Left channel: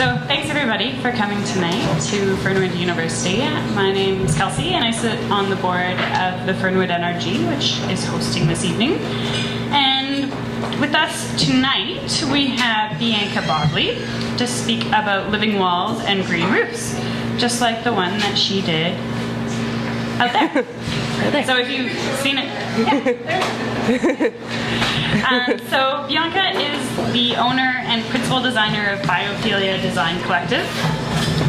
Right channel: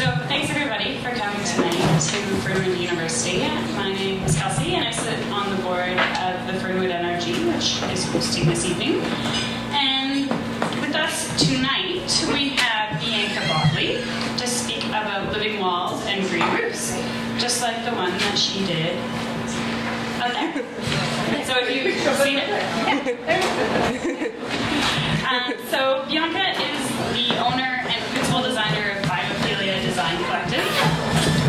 So thanks everybody for coming tonight to Fernwood University. My name is Kelsey and I sit on the board of the Fernwood NRG, which is hosting this evening. And with us tonight we have Bianca Bodley to speak about living walls and green roofs, just like the one that she did out there. So if you've seen it, so Bianca is the owner and principal designer of Biophilia Design Collective.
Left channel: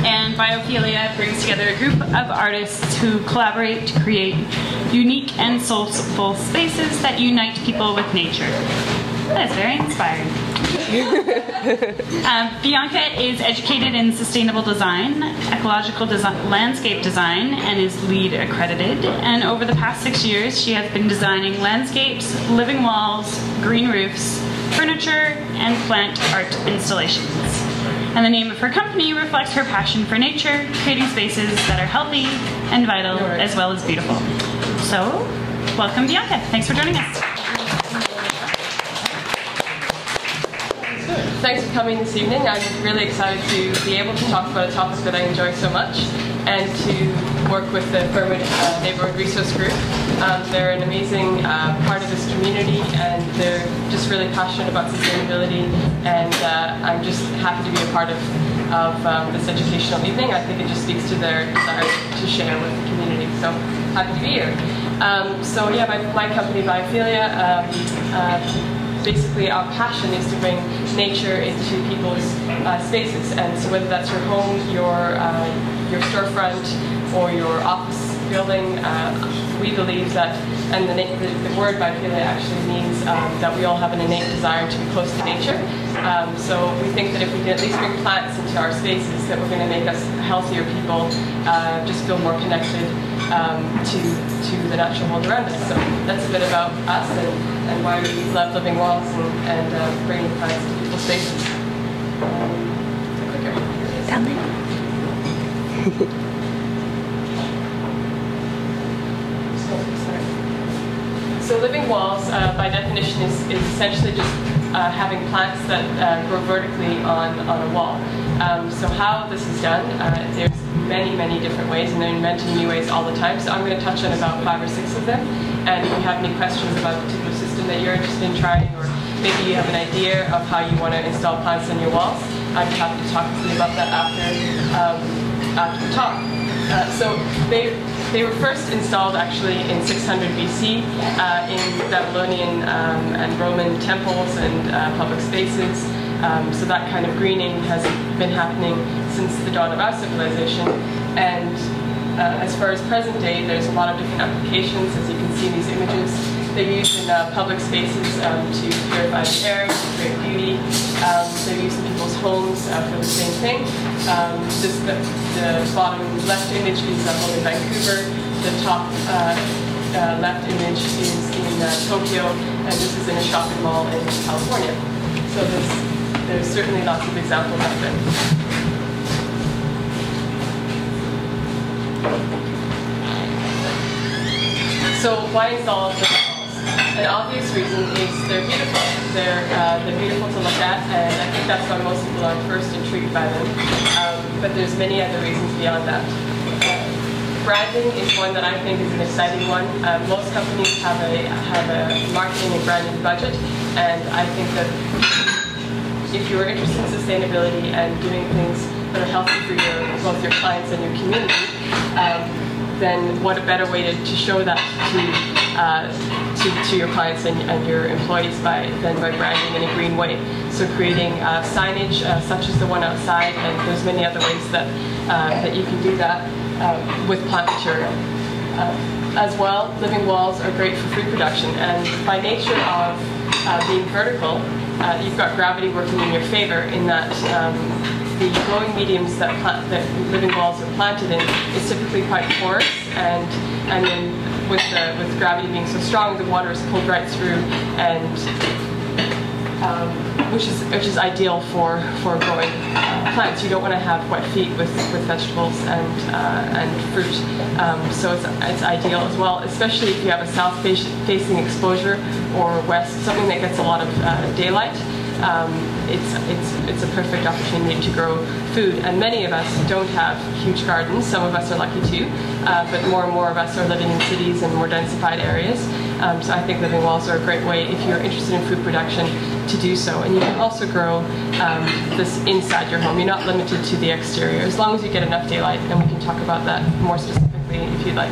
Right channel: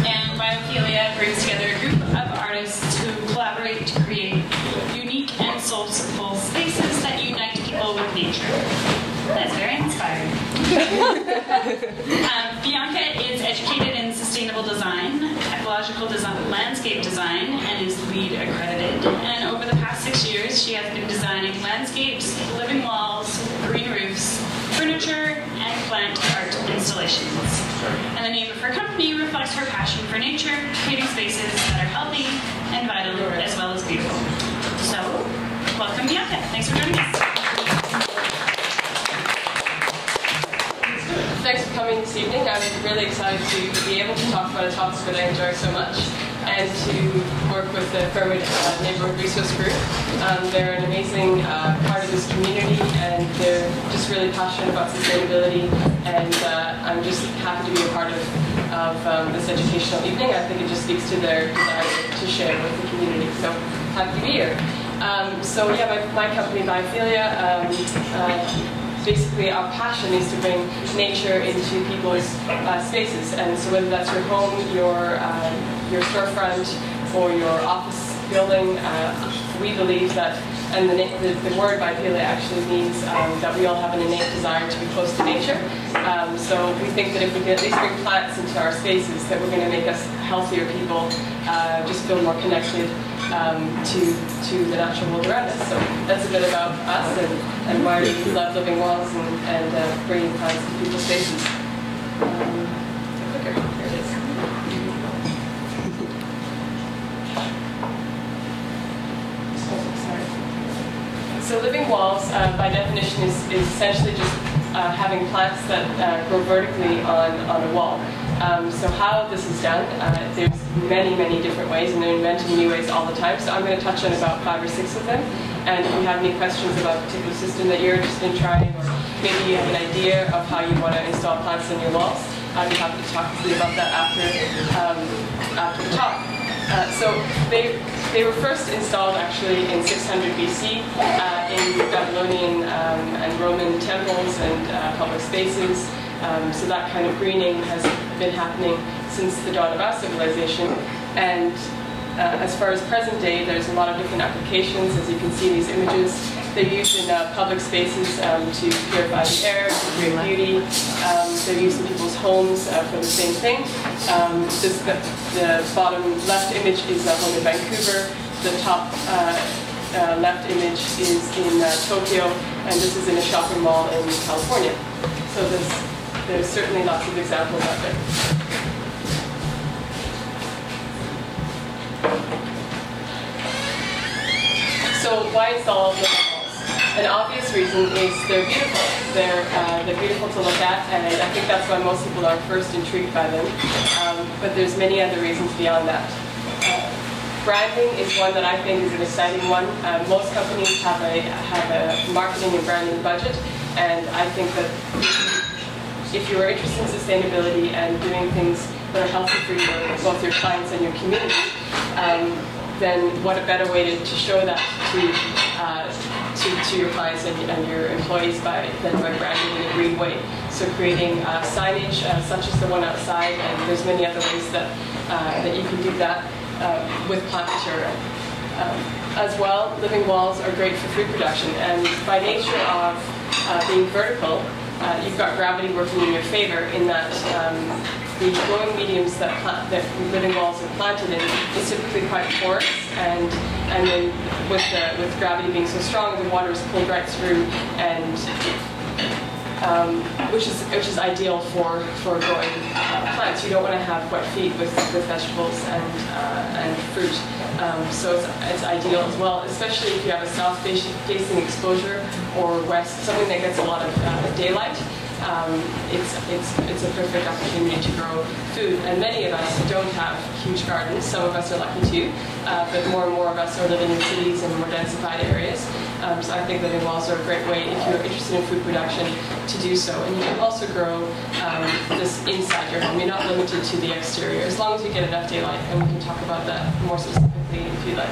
And Biophilia brings together a group of artists who collaborate to create unique and soulful spaces that unite people with nature. That is very inspiring. Bianca is educated in sustainable design, ecological design, landscape design, and is LEED accredited. And over the past 6 years, she has been designing landscapes, living walls, green roofs, furniture, and plant art installations. And the name of her company reflects her passion for nature, creating spaces that are healthy and vital, as well as beautiful. So, welcome Bianca. Thanks for joining us. Thanks for coming this evening. I'm really excited to be able to talk about a topic that I enjoy so much and to work with the Fernwood Neighbourhood Resource Group. They're an amazing part of this community and they're just really passionate about sustainability, and I'm just happy to be a part of this educational evening. I think it just speaks to their desire to share with the community, so happy to be here. So yeah, my company Biophilia, basically our passion is to bring nature into people's spaces, and so whether that's your home, your storefront, or your office building, we believe that, and the word Biophilia actually means that we all have an innate desire to be close to nature. So we think that if we can at least bring plants into our spaces, that we're going to make us healthier people, just feel more connected to the natural world around us. So that's a bit about us and why we love living walls and bringing plants to people's spaces. Clicker. Here it is. So living walls, by definition, is essentially just having plants that grow vertically on a wall. So how this is done, there's many different ways, and they're inventing new ways all the time. So I'm going to touch on about 5 or 6 of them. And if you have any questions about a particular system that you're interested in trying, or maybe you have an idea of how you want to install plants on your walls, I'd be happy to talk with you about that after the talk. So they were first installed actually in 600 BC in Babylonian and Roman temples and public spaces. So that kind of greening has been happening since the dawn of our civilization. And as far as present day, there's a lot of different applications, as you can see in these images. They're used in public spaces to purify the air, to create beauty. They're used in people's homes for the same thing. The bottom left image is a home in Vancouver. The top left image is in Tokyo, and this is in a shopping mall in California. So there's certainly lots of examples out there. So why install living walls? An obvious reason is they're beautiful. They're beautiful to look at, and I think that's why most people are first intrigued by them. But there's many other reasons beyond that. Branding is one that I think is an exciting one. Most companies have a marketing and branding budget, and I think that if you are interested in sustainability and doing things that are healthy for both your clients and your community, then what a better way to show that to your clients and your employees than by branding in a green way. So creating signage such as the one outside, and there's many other ways that you can do that with plant material. As well, living walls are great for food production, and by nature of being vertical, you've got gravity working in your favor in that the growing mediums that living walls are planted in is typically quite porous, and then with gravity being so strong, the water is pulled right through, and which is ideal for growing plants. You don't want to have wet feet with vegetables and fruit, so it's ideal as well, especially if you have a south-facing exposure or west, something that gets a lot of daylight. it's a perfect opportunity to grow food. And many of us don't have huge gardens. Some of us are lucky too, but more and more of us are living in cities and more densified areas. So I think living walls are a great way, if you're interested in food production, to do so. And you can also grow this inside your home. You're not limited to the exterior, as long as you get enough daylight, and we can talk about that more specifically if you'd like.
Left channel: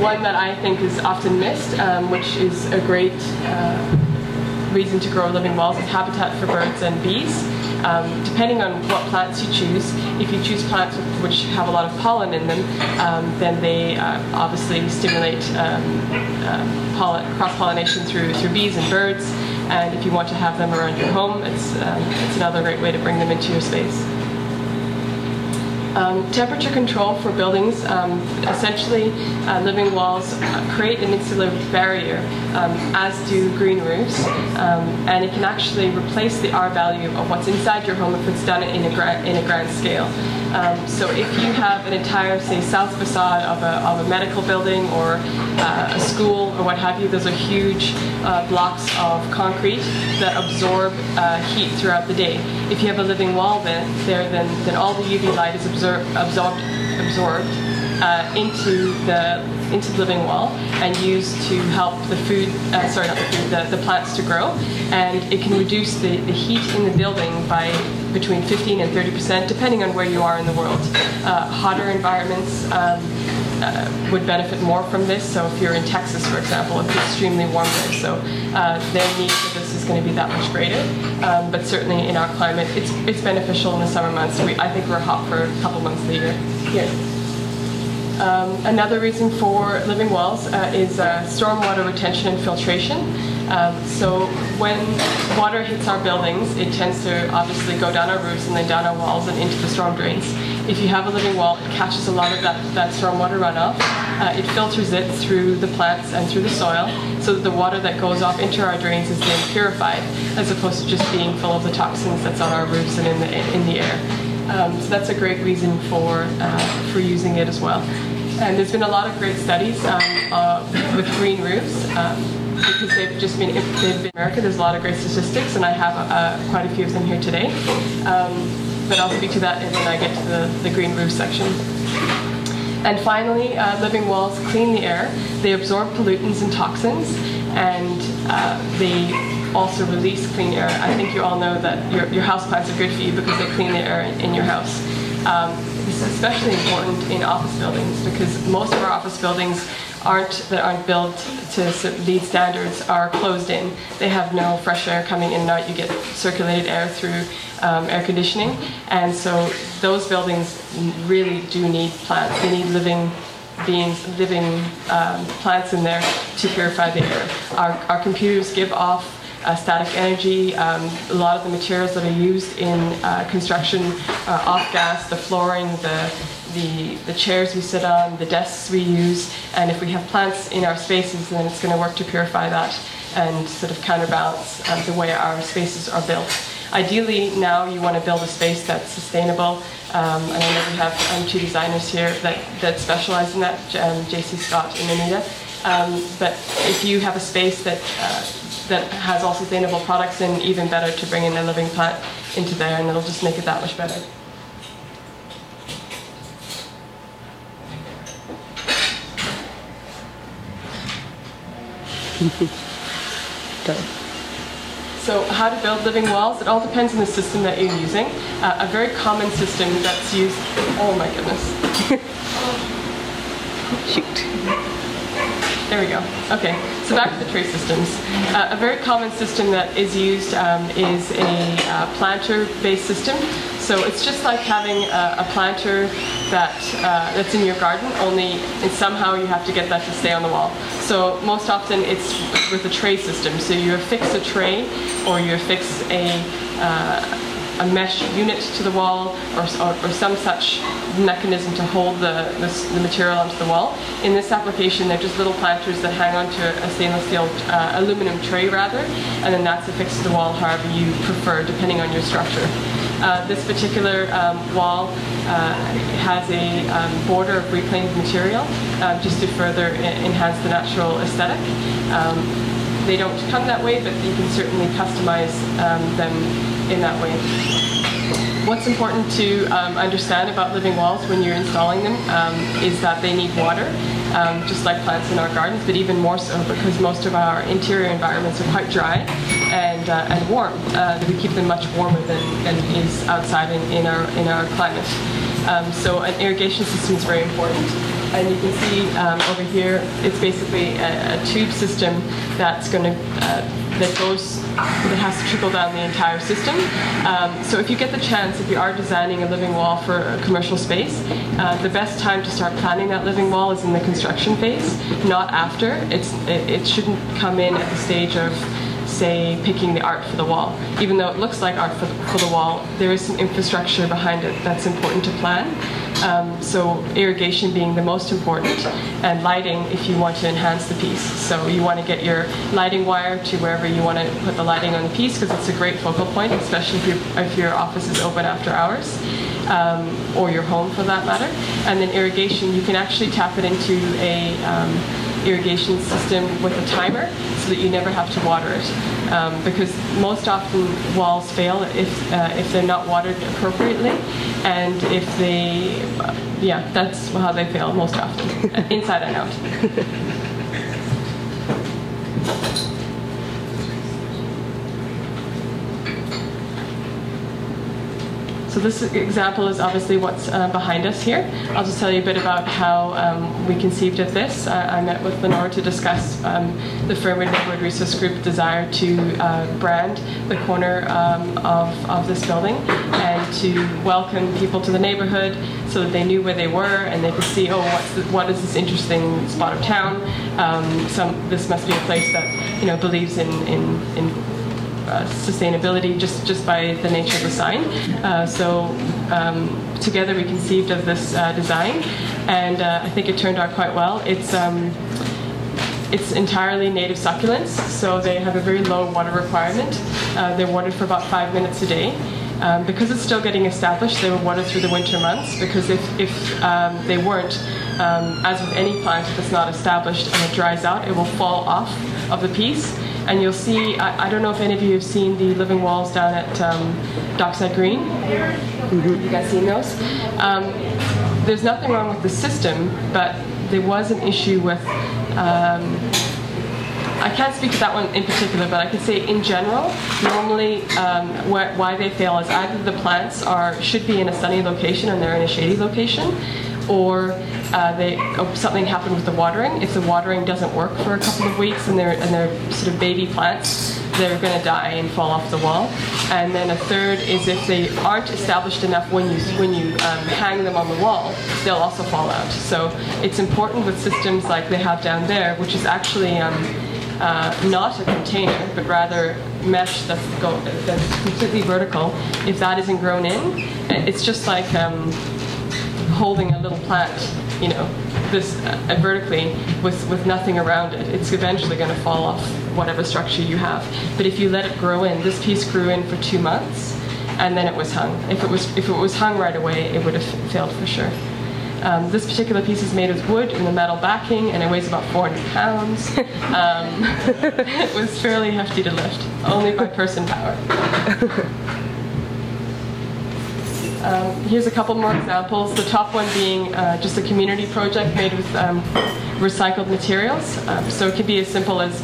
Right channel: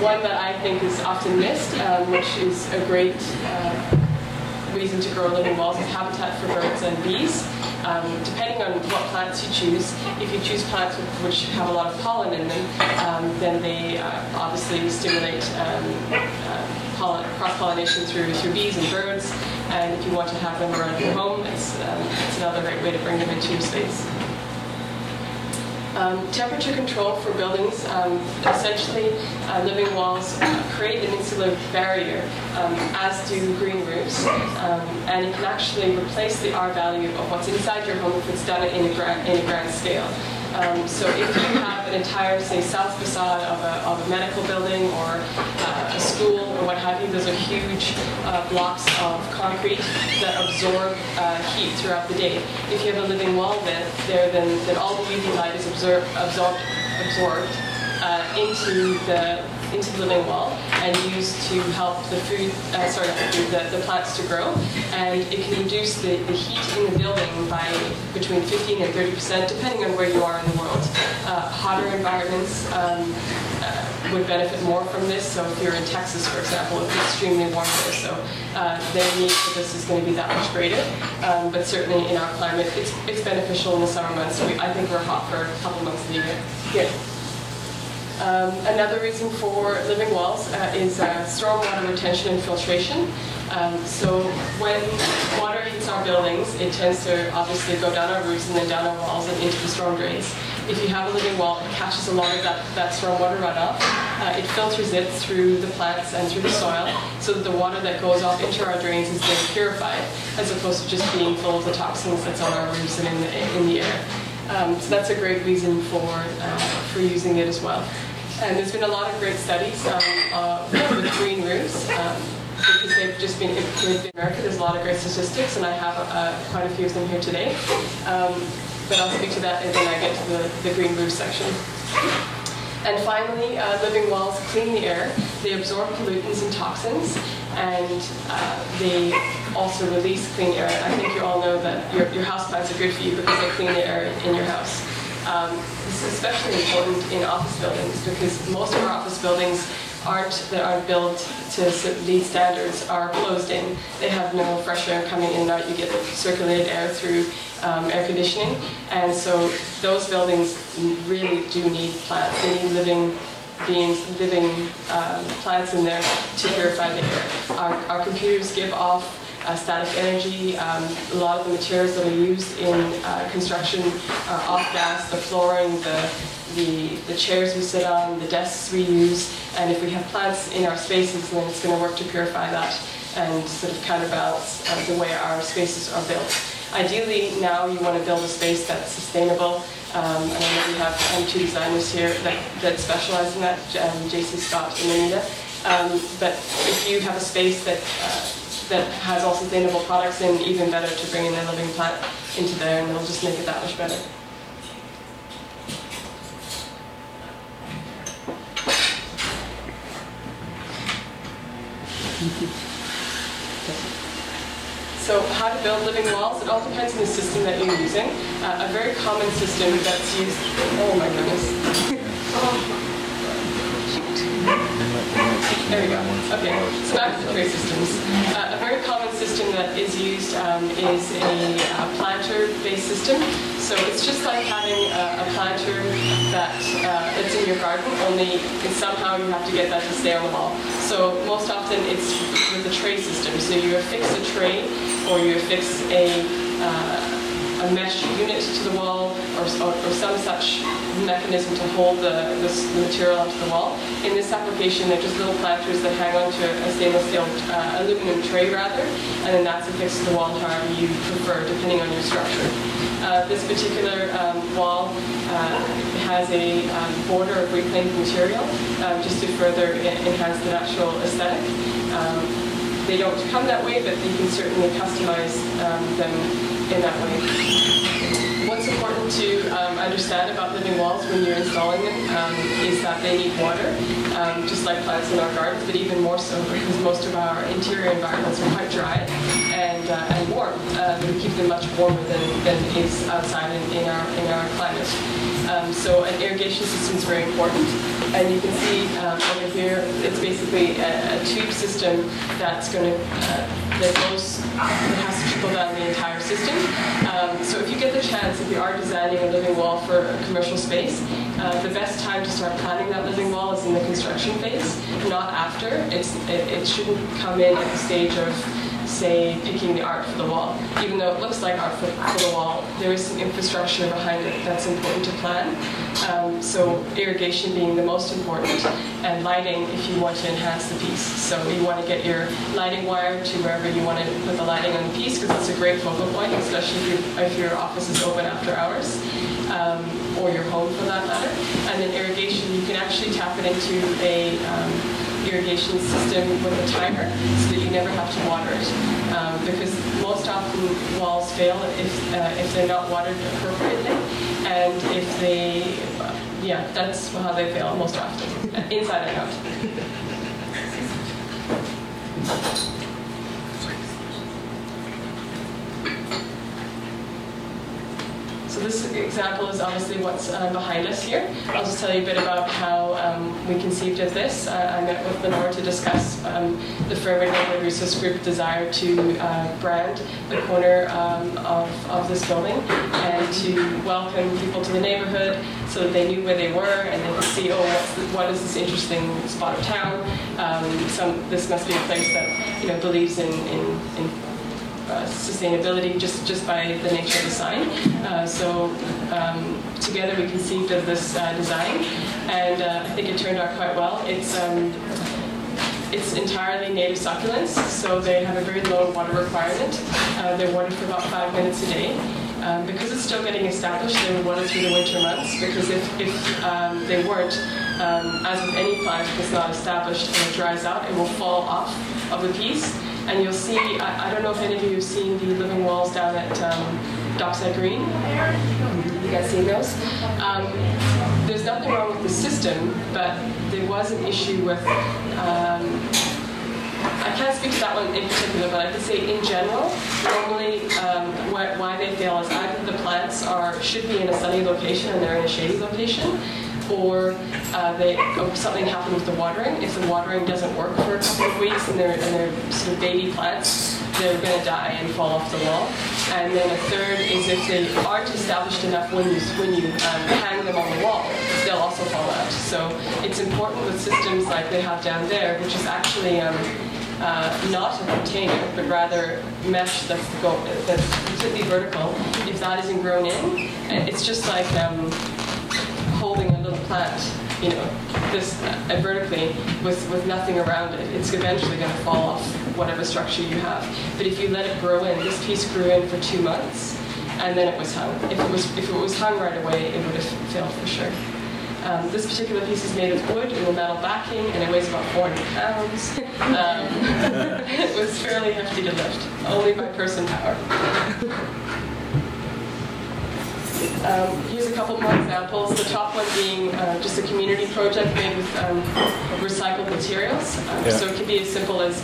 One that I think is often missed, which is a great reason to grow living walls, is habitat for birds and bees. Depending on what plants you choose, if you choose plants which have a lot of pollen in them, then they obviously stimulate cross-pollination through bees and birds. And if you want to have them around your home, it's another great way to bring them into your space. Temperature control for buildings. Essentially, living walls create an insular barrier, as do green roofs, and it can actually replace the R value of what's inside your home if it's done in a grand scale. So if you have an entire, say, south facade of a medical building or a school or what have you, those are huge blocks of concrete that absorb heat throughout the day. If you have a living wall then all the UV light is absorbed into the living wall and used to help the plants to grow, and it can reduce the heat in the building by between 15 and 30%, depending on where you are in the world. Hotter environments would benefit more from this. So if you're in Texas, for example, it's extremely warm there, so their need for this is going to be that much greater. But certainly in our climate, it's beneficial in the summer months. I think we're hot for a couple months of the year here. Another reason for living walls is stormwater retention and filtration. So when water hits our buildings, it tends to obviously go down our roofs and then down our walls and into the storm drains. If you have a living wall, it catches a lot of that stormwater runoff. It filters it through the plants and through the soil, so that the water that goes off into our drains is then purified, as opposed to just being full of the toxins that's on our roofs and in the air. So that's a great reason for using it as well. And there's been a lot of great studies with green roofs, because they've been in America. There's a lot of great statistics, and I have quite a few of them here today. But I'll speak to that when I get to the green roof section. And finally, living walls clean the air. They absorb pollutants and toxins, and they also release clean air. I think you all know that your houseplants are good for you because they clean the air in your house. This is especially important in office buildings, because most of our office buildings that aren't built to LEED standards are closed in. They have no fresh air coming in and out. You get circulated air through air conditioning, and so those buildings really do need plants. They need living beings, living plants in there to purify the air. Our computers give off static energy. A lot of the materials that are used in construction are off gas. The flooring, the chairs we sit on, the desks we use, and if we have plants in our spaces, then it's going to work to purify that and sort of counterbalance the way our spaces are built. Ideally, now you want to build a space that's sustainable. And I know we have two designers here that specialize in that, JC Scott and Anita. But if you have a space that has all sustainable products, then even better to bring in a living plant into there, and it'll just make it that much better. So how to build living walls? It all depends on the system that you're using. A very common system that's used... Oh my goodness. Shoot. There we go. Okay, so back to the tray systems. A very common system that is used is a planter-based system. So it's just like having a planter that's in your garden, only somehow you have to get that to stay on the wall. So most often it's with a tray system. So you affix a tray, or you affix a mesh unit to the wall, or some such mechanism to hold the material onto the wall. In this application, they're just little planters that hang onto a stainless steel, aluminum tray rather, and then that's affixed to the wall however you prefer, depending on your structure. This particular wall has a border of reclaimed material just to further enhance the natural aesthetic. They don't come that way, but you can certainly customize them in that way. What's important to understand about living walls when you're installing them is that they need water, just like plants in our gardens, but even more so because most of our interior environments are quite dry and warm. We keep them much warmer than is outside in our climate. So an irrigation system is very important. And you can see over here, it's basically a tube system that's going to that has to trickle down the entire system. So if you get the chance, if you are designing a living wall for a commercial space, the best time to start planning that living wall is in the construction phase, not after. It shouldn't come in at the stage of, say, picking the art for the wall. Even though it looks like art for the wall, there is some infrastructure behind it that's important to plan. So irrigation being the most important, and lighting if you want to enhance the piece. So you want to get your lighting wire to wherever you want to put the lighting on the piece, because it's a great focal point, especially if your office is open after hours, or your home for that matter. And then irrigation, you can actually tap it into a irrigation system with a timer so that you never have to water it, because most often walls fail if they're not watered appropriately, and if they, that's how they fail most often, inside and out. So this example is obviously what's behind us here. I'll just tell you a bit about how we conceived of this. I met with Lenore to discuss the Fernwood Neighborhood Resource Group desire to brand the corner of this building and to welcome people to the neighborhood so that they knew where they were and they could see, oh, what is this interesting spot of town? This must be a place that believes in sustainability just by the nature of the sign. So together we conceived of this design, and I think it turned out quite well. It's entirely native succulents, so they have a very low water requirement. They're watered for about 5 minutes a day. Because it's still getting established, they were watered through the winter months, because if they weren't, as with any plant, if it's not established and it dries out, it will fall off of the piece. And you'll see, I don't know if any of you have seen the living walls down at Dockside Green. Mm-hmm. You guys seen those? There's nothing wrong with the system, but there was an issue with, I can't speak to that one in particular, but I could say in general, normally why they fail is either the plants should be in a sunny location and they're in a shady location, or something happened with the watering. If the watering doesn't work for a couple of weeks and they're sort of baby plants, they're going to die and fall off the wall. And then a third is if they aren't established enough when you hang them on the wall, they'll also fall out. So it's important with systems like they have down there, which is actually not a container, but rather mesh that's completely vertical. If that isn't grown in, it's just like holding a little plant, this vertically with nothing around it. It's eventually going to fall off whatever structure you have. But if you let it grow in, this piece grew in for 2 months, and then it was hung. If it was hung right away, it would have failed for sure. This particular piece is made of wood and a metal backing, and it weighs about 400 pounds. It was fairly hefty to lift, only by person power. Here's a couple more examples. The top one being just a community project made with recycled materials. So it could be as simple as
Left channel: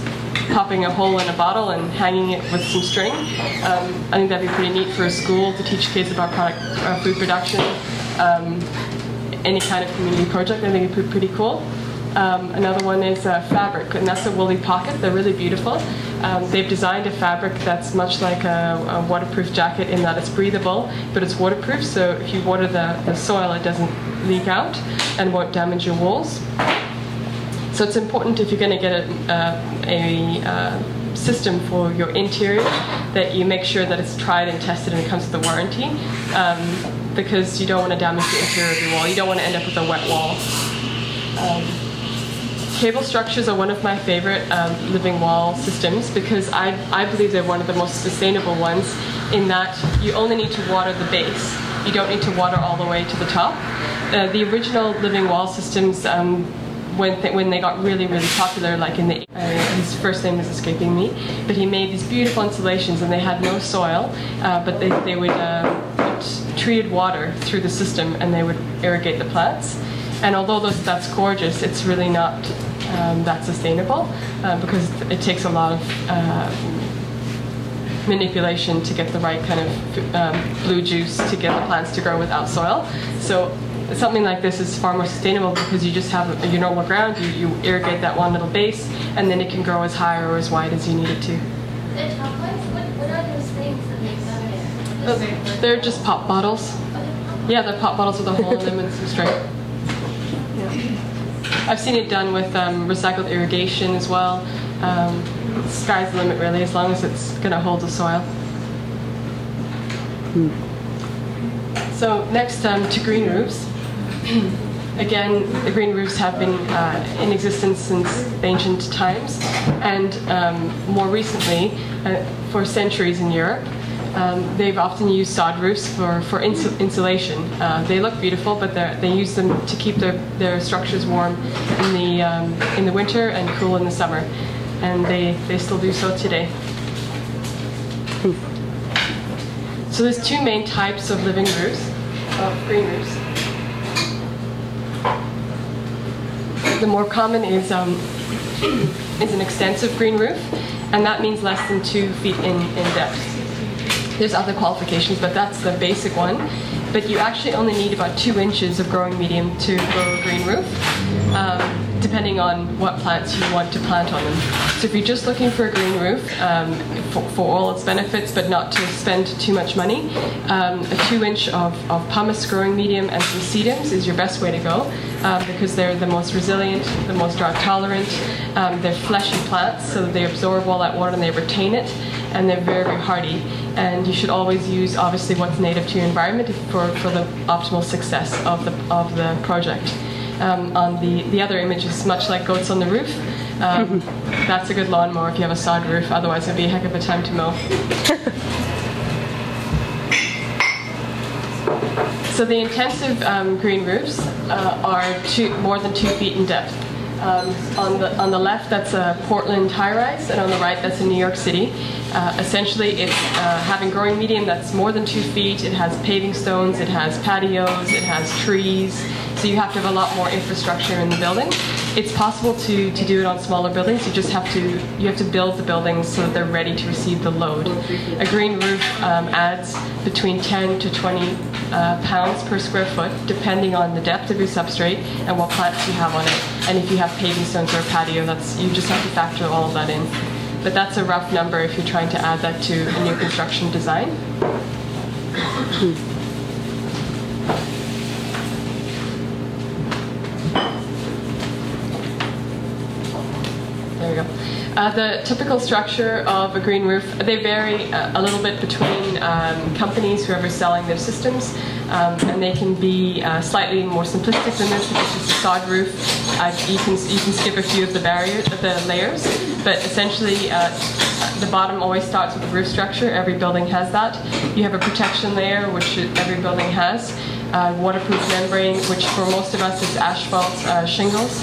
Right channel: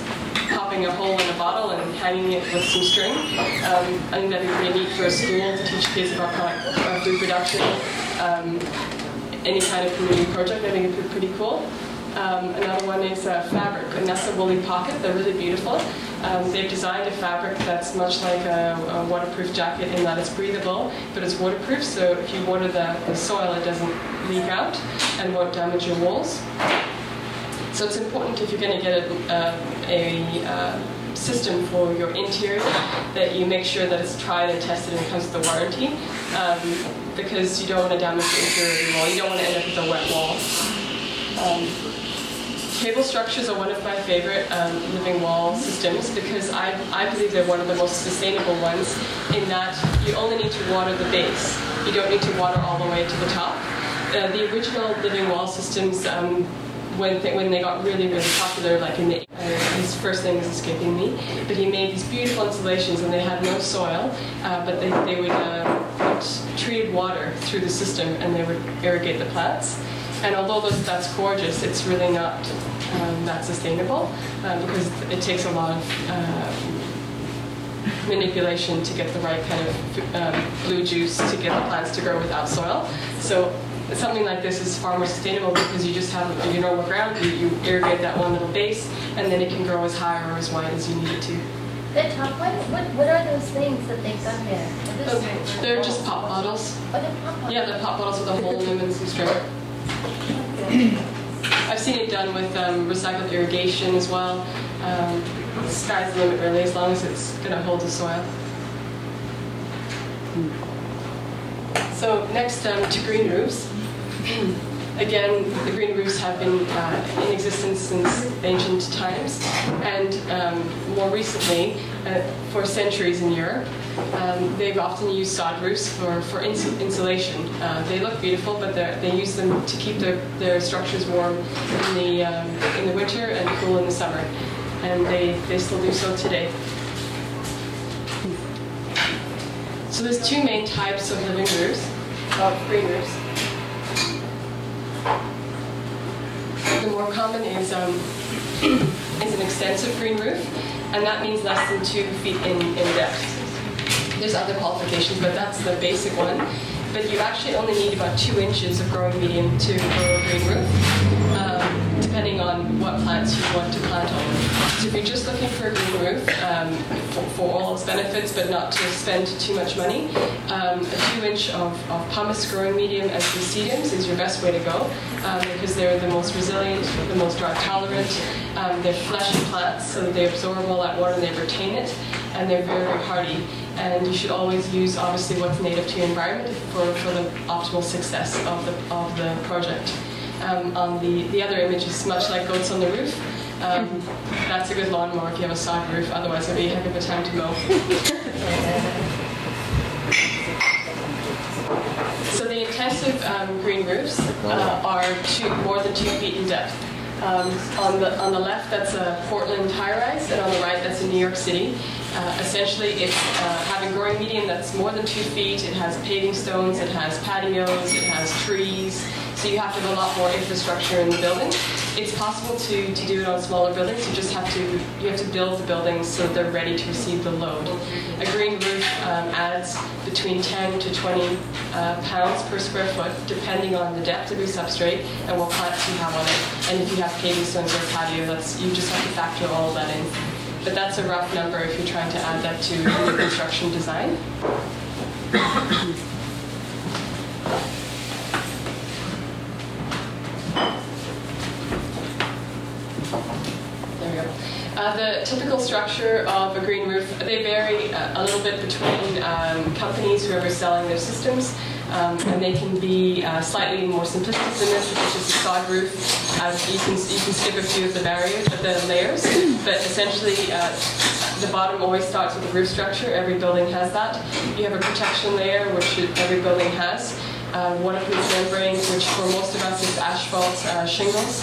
popping a hole in a bottle and hanging it with some string. I think that'd be pretty neat for a school to teach kids about food production. Any kind of community project, I think it'd be pretty cool. Another one is fabric, and that's a woolly pocket. They're really beautiful. They've designed a fabric that's much like a waterproof jacket in that it's breathable, but it's waterproof, so if you water the soil, it doesn't leak out and won't damage your walls. So it's important, if you're going to get a system for your interior, that you make sure that it's tried and tested and comes with a warranty, because you don't want to damage the interior of your wall. You don't want to end up with a wet wall. Cable structures are one of my favorite living wall systems, because I believe they're one of the most sustainable ones, in that you only need to water the base. You don't need to water all the way to the top. The original living wall systems when they got really, really popular, like in the his first name is escaping me, but he made these beautiful installations, and they had no soil, but they would put treated water through the system, and they would irrigate the plants. And although that's gorgeous, it's really not that sustainable because it takes a lot of manipulation to get the right kind of blue juice to get the plants to grow without soil. So something like this is far more sustainable because you just have your normal ground, you irrigate that one little base, and then it can grow as high or as wide as you need it to. The top ones, what are those things that they got there? They're just pop bottles. Yeah, they're pop bottles with a hole in them and some string. Yeah. I've seen it done with recycled irrigation as well. Sky's the limit really, as long as it's going to hold the soil. So next to green roofs. Again, the green roofs have been in existence since ancient times, and more recently, for centuries in Europe, they've often used sod roofs for insulation. They look beautiful, but they use them to keep their structures warm in the winter and cool in the summer, and they still do so today. So there's two main types of living roofs, of green roofs. The more common is an extensive green roof, and that means less than 2 feet in depth. There's other qualifications, but that's the basic one. But you actually only need about 2 inches of growing medium to grow a green roof, depending on what plants you want to plant on them. So if you're just looking for a green roof for all its benefits, but not to spend too much money, a 2-inch of pumice growing medium and some sedums is your best way to go, because they're the most resilient, the most drought tolerant. They're fleshy plants, so they absorb all that water and they retain it, and they're very, very hardy. And you should always use, obviously, what's native to your environment for the optimal success of the project. On the other image is much like goats on the roof. That's a good lawnmower if you have a sod roof, otherwise it'd be a heck of a time to mow. So the intensive green roofs are more than 2 feet in depth. On the left, that's a Portland high-rise, and on the right, that's in New York City. Essentially, it's having growing medium that's more than 2 feet. It has paving stones, it has patios, it has trees. So you have to have a lot more infrastructure in the building. It's possible to do it on smaller buildings. You have to build the buildings so that they're ready to receive the load. A green roof adds between 10 to 20 pounds per square foot, depending on the depth of your substrate and what plants you have on it. And if you have paving stones or a patio, you just have to factor all of that in. But that's a rough number if you're trying to add that to a new construction design. There we go. The typical structure of a green roof, they vary a little bit between companies, whoever's selling their systems, and they can be slightly more simplistic than this. If it's just a sod roof, you can skip a few of the layers, but essentially the bottom always starts with the roof structure. Every building has that. You have a protection layer, which every building has. Waterproof membrane, which for most of us is asphalt shingles.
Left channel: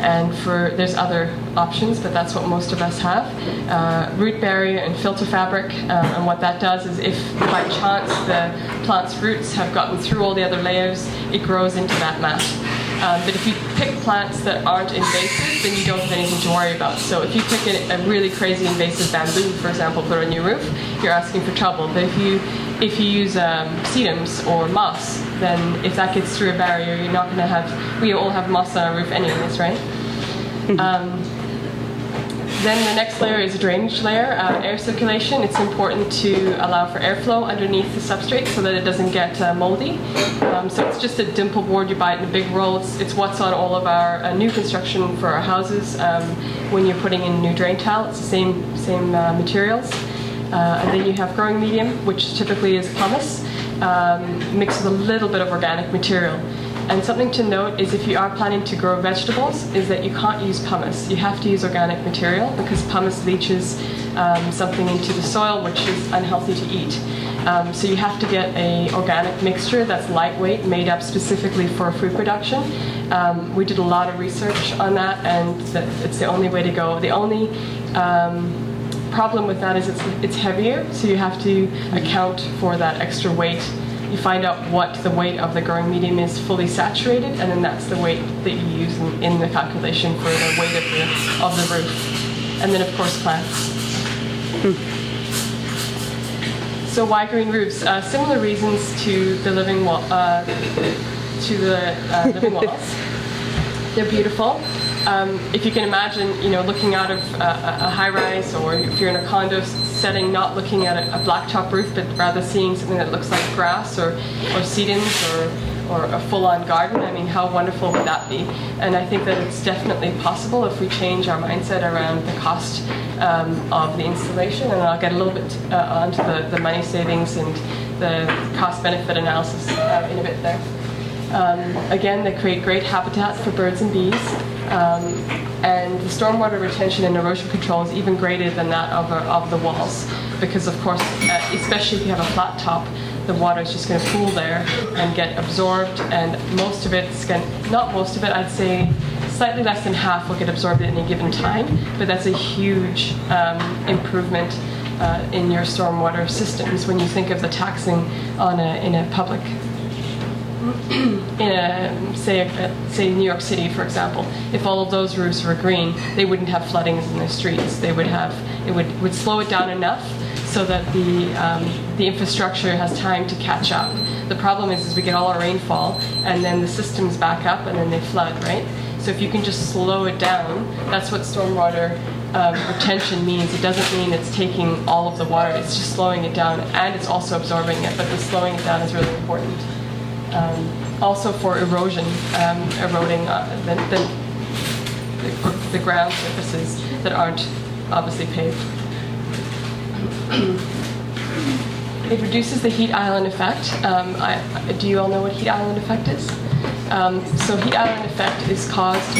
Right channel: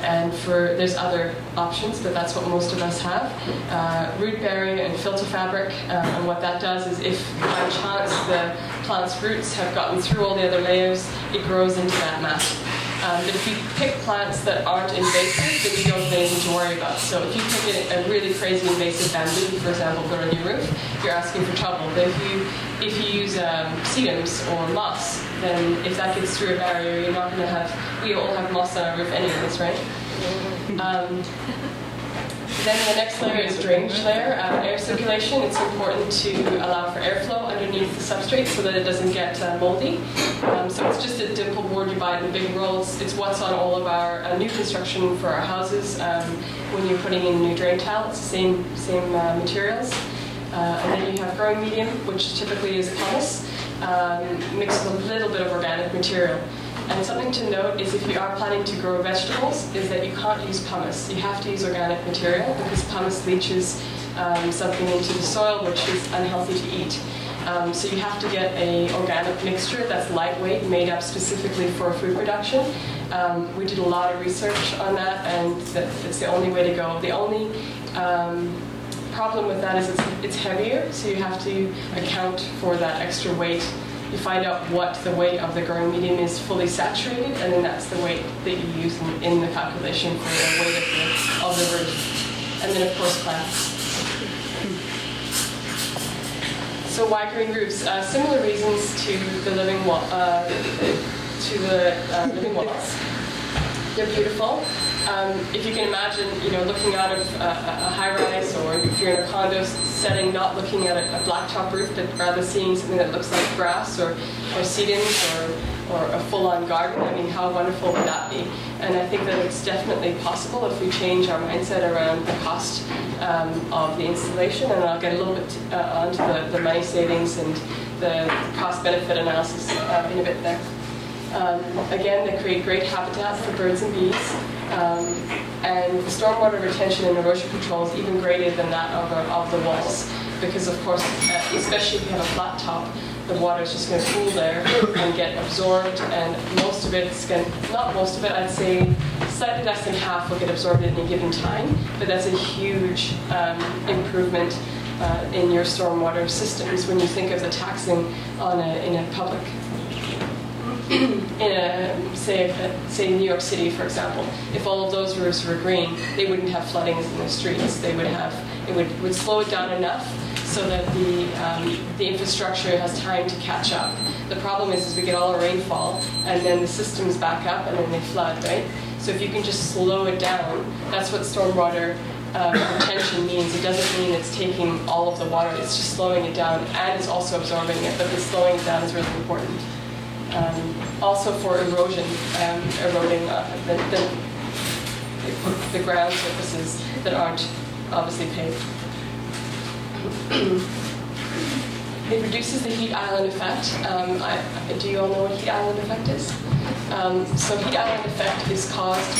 And there's other options, but that's what most of us have. Root barrier and filter fabric, and what that does is if by chance the plant's roots have gotten through all the other layers, it grows into that mat. But if you pick plants that aren't invasive, then you don't have anything to worry about. So if you pick a really crazy invasive bamboo, for example, for a new roof, you're asking for trouble. But if you use sedums or moss, then if that gets through a barrier, you're not going to have. We all have moss on our roof anyways, right? Then the next layer is a drainage layer, air circulation. It's important to allow for airflow underneath the substrate so that it doesn't get moldy. So it's just a dimple board, you buy it in a big roll. It's what's on all of our new construction for our houses. When you're putting in a new drain tile, it's the same materials. And then you have growing medium, which typically is pumice, mixed with a little bit of organic material. And something to note is if you are planning to grow vegetables, is that you can't use pumice. You have to use organic material because pumice leaches something into the soil which is unhealthy to eat. So you have to get an organic mixture that's lightweight, made up specifically for food production. We did a lot of research on that, and it's the only way to go. The only problem with that is it's heavier, so you have to account for that extra weight. You find out what the weight of the growing medium is fully saturated, and then that's the weight that you use in the calculation for the weight of the roof. And then, of course, plants. So why green roofs? Similar reasons to the living wall, living walls. They're beautiful. If you can imagine, looking out of a high-rise, or if you're in a condo setting, not looking at a blacktop roof, but rather seeing something that looks like grass or sedums or a full-on garden. I mean, how wonderful would that be? And I think that it's definitely possible if we change our mindset around the cost of the installation. And I'll get a little bit onto the money savings and the cost-benefit analysis in a bit there. Again, they create great habitat for birds and bees. And the stormwater retention and erosion control is even greater than that of the walls, because of course, especially if you have a flat top, the water is just going to pool there and get absorbed, and most of it's going to, not most of it, I'd say slightly less than half will get absorbed at any given time, but that's a huge improvement in your stormwater systems when you think of the taxing in a public say New York City, for example. If all of those roofs were green, they wouldn't have floodings in the streets. They would have, it would slow it down enough so that the infrastructure has time to catch up. The problem is we get all our rainfall, and then the systems back up, and then they flood, right? So if you can just slow it down, that's what stormwater retention means. It doesn't mean it's taking all of the water. It's just slowing it down, and it's also absorbing it. But the slowing it down is really important. Also for erosion, eroding the ground surfaces that aren't obviously paved. It reduces the heat island effect. Do you all know what heat island effect is? So heat island effect is caused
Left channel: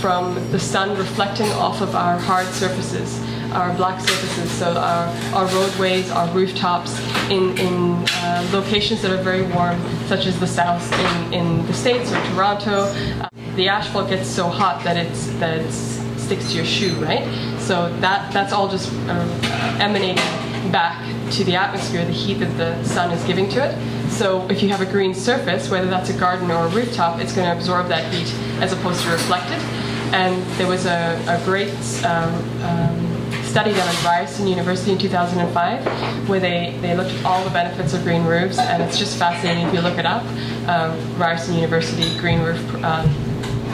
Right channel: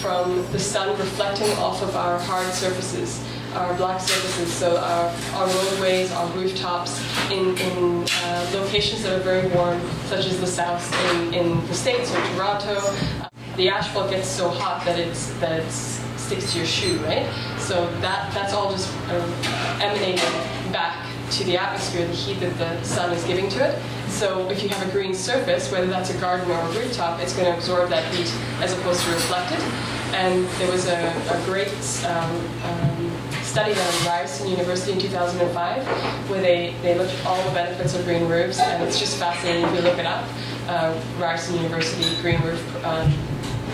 from the sun reflecting off of our hard surfaces, our black surfaces, so our roadways, our rooftops, in locations that are very warm, such as the south in the States or Toronto. The asphalt gets so hot that it sticks to your shoe, right? So that's all just emanating back to the atmosphere, the heat that the sun is giving to it. So if you have a green surface, whether that's a garden or a rooftop, it's going to absorb that heat as opposed to reflect it. And there was a great study done at Ryerson University in 2005 where they looked at all the benefits of green roofs, and it's just fascinating if you look it up. Ryerson University Green Roof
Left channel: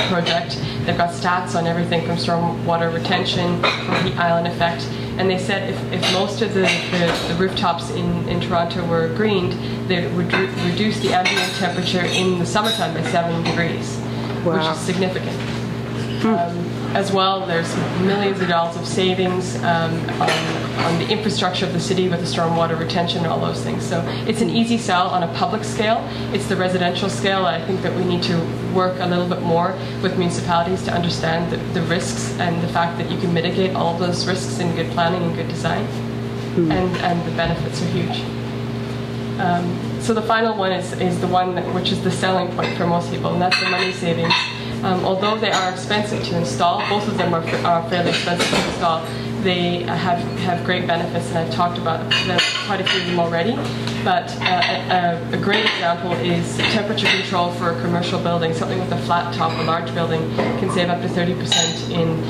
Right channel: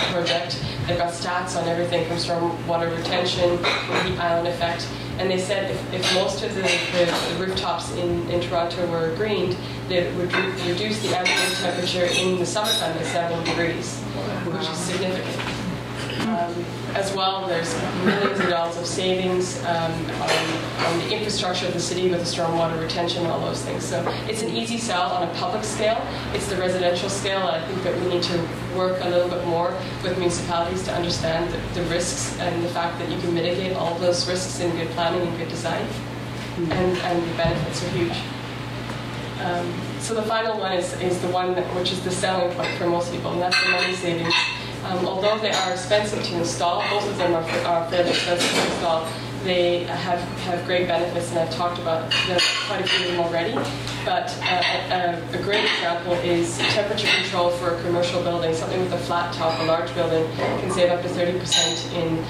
Project. They've got stats on everything from stormwater retention, from heat island effect. And they said if most of the rooftops in Toronto were greened, they would reduce the ambient temperature in the summertime by 70 degrees, wow, which is significant. As well, there's millions of dollars of savings on the infrastructure of the city with the stormwater retention and all those things. So it's an easy sell on a public scale. It's the residential scale. I think that we need to work a little bit more with municipalities to understand the risks and the fact that you can mitigate all of those risks in good planning and good design. And the benefits are huge. So the final one is the one which is the selling point for most people, and that's the money savings. Although they are expensive to install, both of them are fairly expensive to install, they have great benefits, and I've talked about quite a few of them already. But a great example is temperature control for a commercial building. Something with a flat top, a large building, can save up to 30% in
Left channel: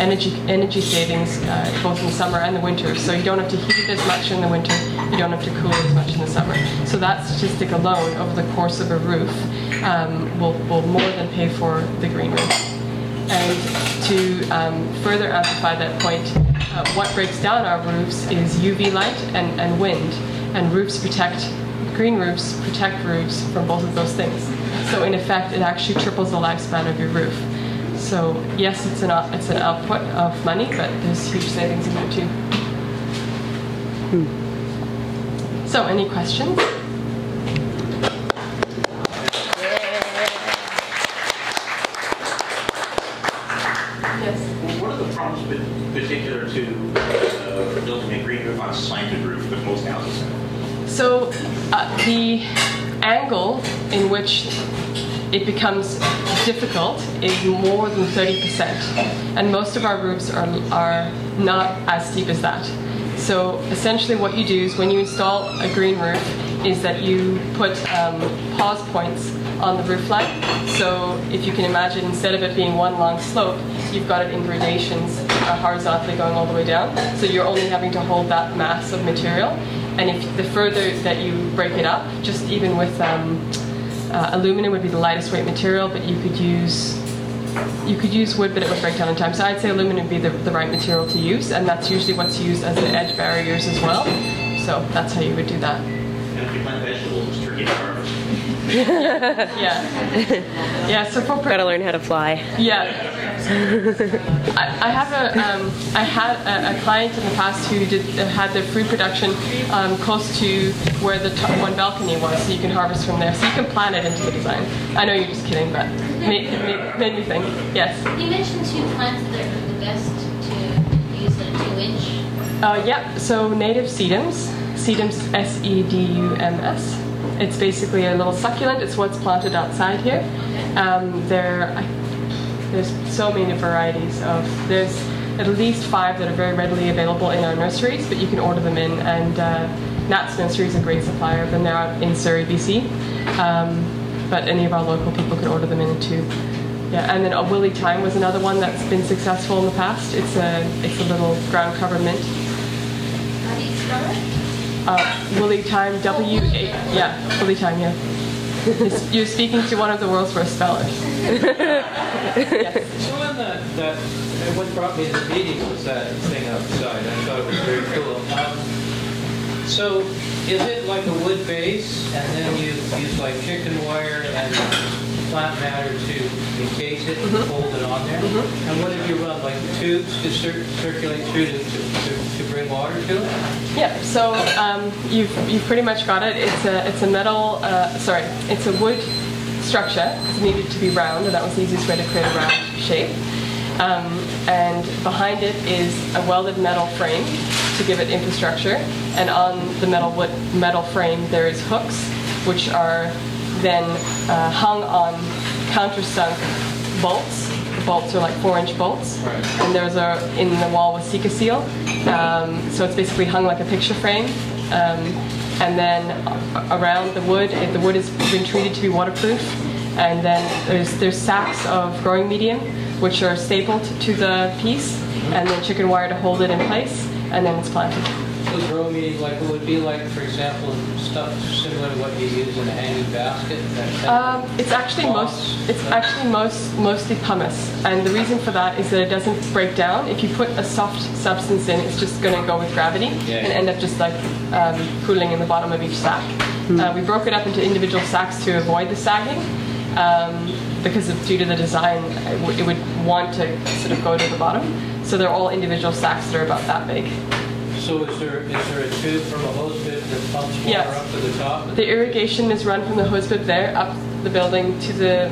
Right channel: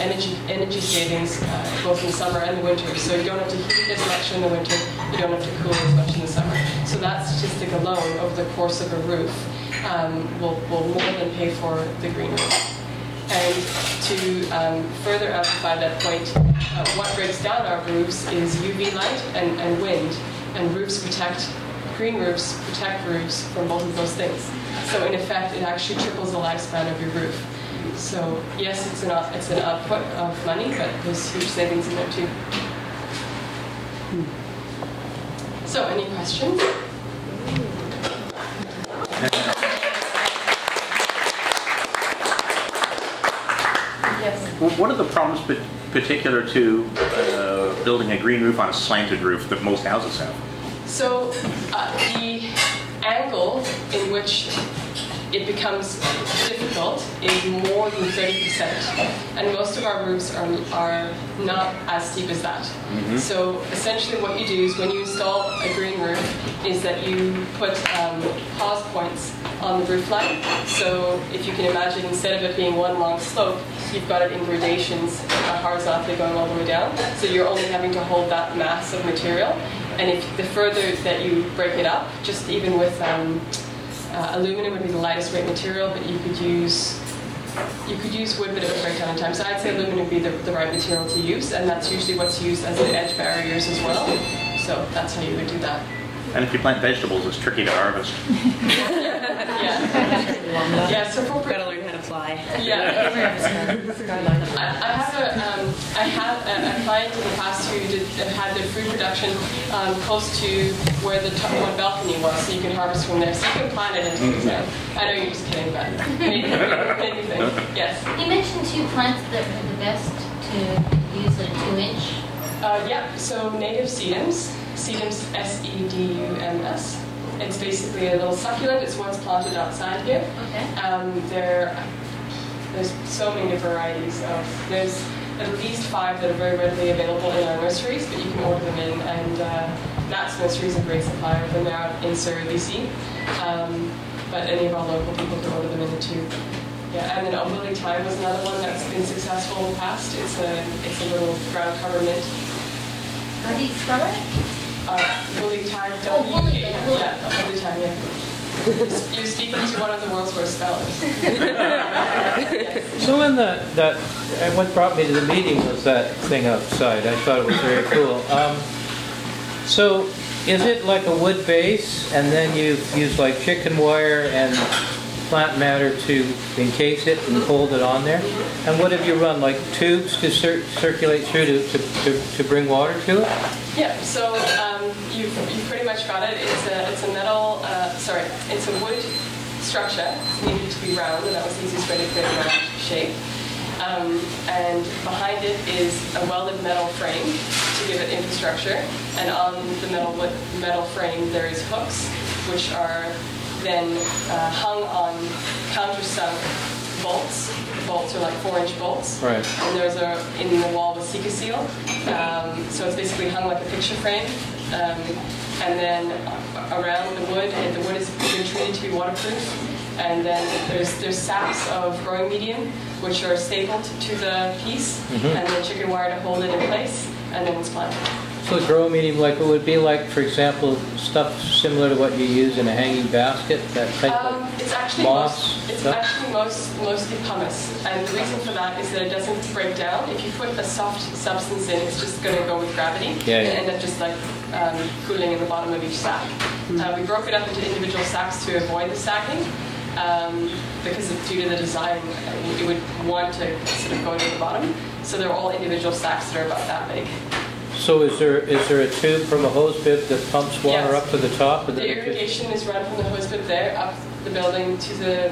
energy savings, both in the summer and the winter. So you don't have to heat it as much in the winter, you don't have to cool it as much in the summer. So that statistic alone over the course of a roof will more than pay for the green roof. And to further amplify that point, what breaks down our roofs is UV light and wind. And green roofs protect roofs from both of those things. So in effect, it actually triples the lifespan of your roof. So yes, it's an output of money, but there's huge savings in there too. So any questions? What are the problems particular to building a green roof on a slanted roof that most houses have? So the angle in which it becomes difficult is more than 30%, and most of our roofs are not as steep as that. So essentially what you do is when you install a green roof is that you put pause points on the roof line. So if you can imagine, instead of it being one long slope, you've got it in gradations horizontally going all the way down. So you're only having to hold that mass of material. And if the further that you break it up, just even with aluminum would be the lightest weight material, but you could use wood, but it would break down in time. So I'd say aluminum would be the right material to use, and that's usually what's used as the edge barriers as well. So that's how you would do that. And if you plant vegetables, it's tricky to harvest. Yeah. Yeah. So for gotta learn how to fly. Yeah. I had a client in the past who had their fruit production close to where the one balcony was, so you can harvest from there. So you can plan it into the design. I know you're just kidding, but made me think. Yes. You mentioned 2 plants that are the best to use, like 2-inch. Yeah. So native sedums. Sedums, S-E-D-U-M-S. It's basically a little succulent. It's what's planted outside here. There's so many varieties of. There's at least 5 that are very readily available in our nurseries, but you can order them in. And Nat's Nursery is a great supplier of them. They're out in Surrey, BC. But any of our local people can order them in too. Yeah, and then a Willie Thyme was another one that's been successful in the past. It's a little ground cover mint. How do you spell it? Willie Thyme, W-A, yeah, Willie Thyme, yeah. You're speaking to one of the world's worst spellers. Yes. So what brought me to the meeting was that thing outside. I thought it was very cool. So is it like a wood base, and then you use like chicken wire and plant matter to encase it and hold it on there? And what have you run, like tubes to circulate through to bring water to it? Yeah, so you've pretty much got it. It's a metal, it's a wood structure. It needed to be round, and that was the easiest way to create a round shape. And behind it is a welded metal frame to give it infrastructure. And on the metal frame there is hooks, which are then hung on countersunk bolts. The bolts are like 4-inch bolts. Right. And there's in the wall with Sika seal. So it's basically hung like a picture frame. And then around the wood has been treated to be waterproof. And then there's sacks of growing medium, which are stapled to the piece, and then chicken wire to hold it in place, and then it's planted. So grow medium, like it would be like, for example, stuff similar to what you use in a hanging basket, that type of it's actually mostly pumice, and the reason for that is that it doesn't break down. If you put a soft substance in, it's just going to go with gravity and end up just like pooling in the bottom of each sack. We broke it up into individual sacks to avoid the sagging. Because due to the design, it would want to sort of go to the bottom. So they're all individual sacks that are about that big. So is there a tube from a hose bib that pumps water up to the top? The irrigation is run from the hose bib there, up the building to the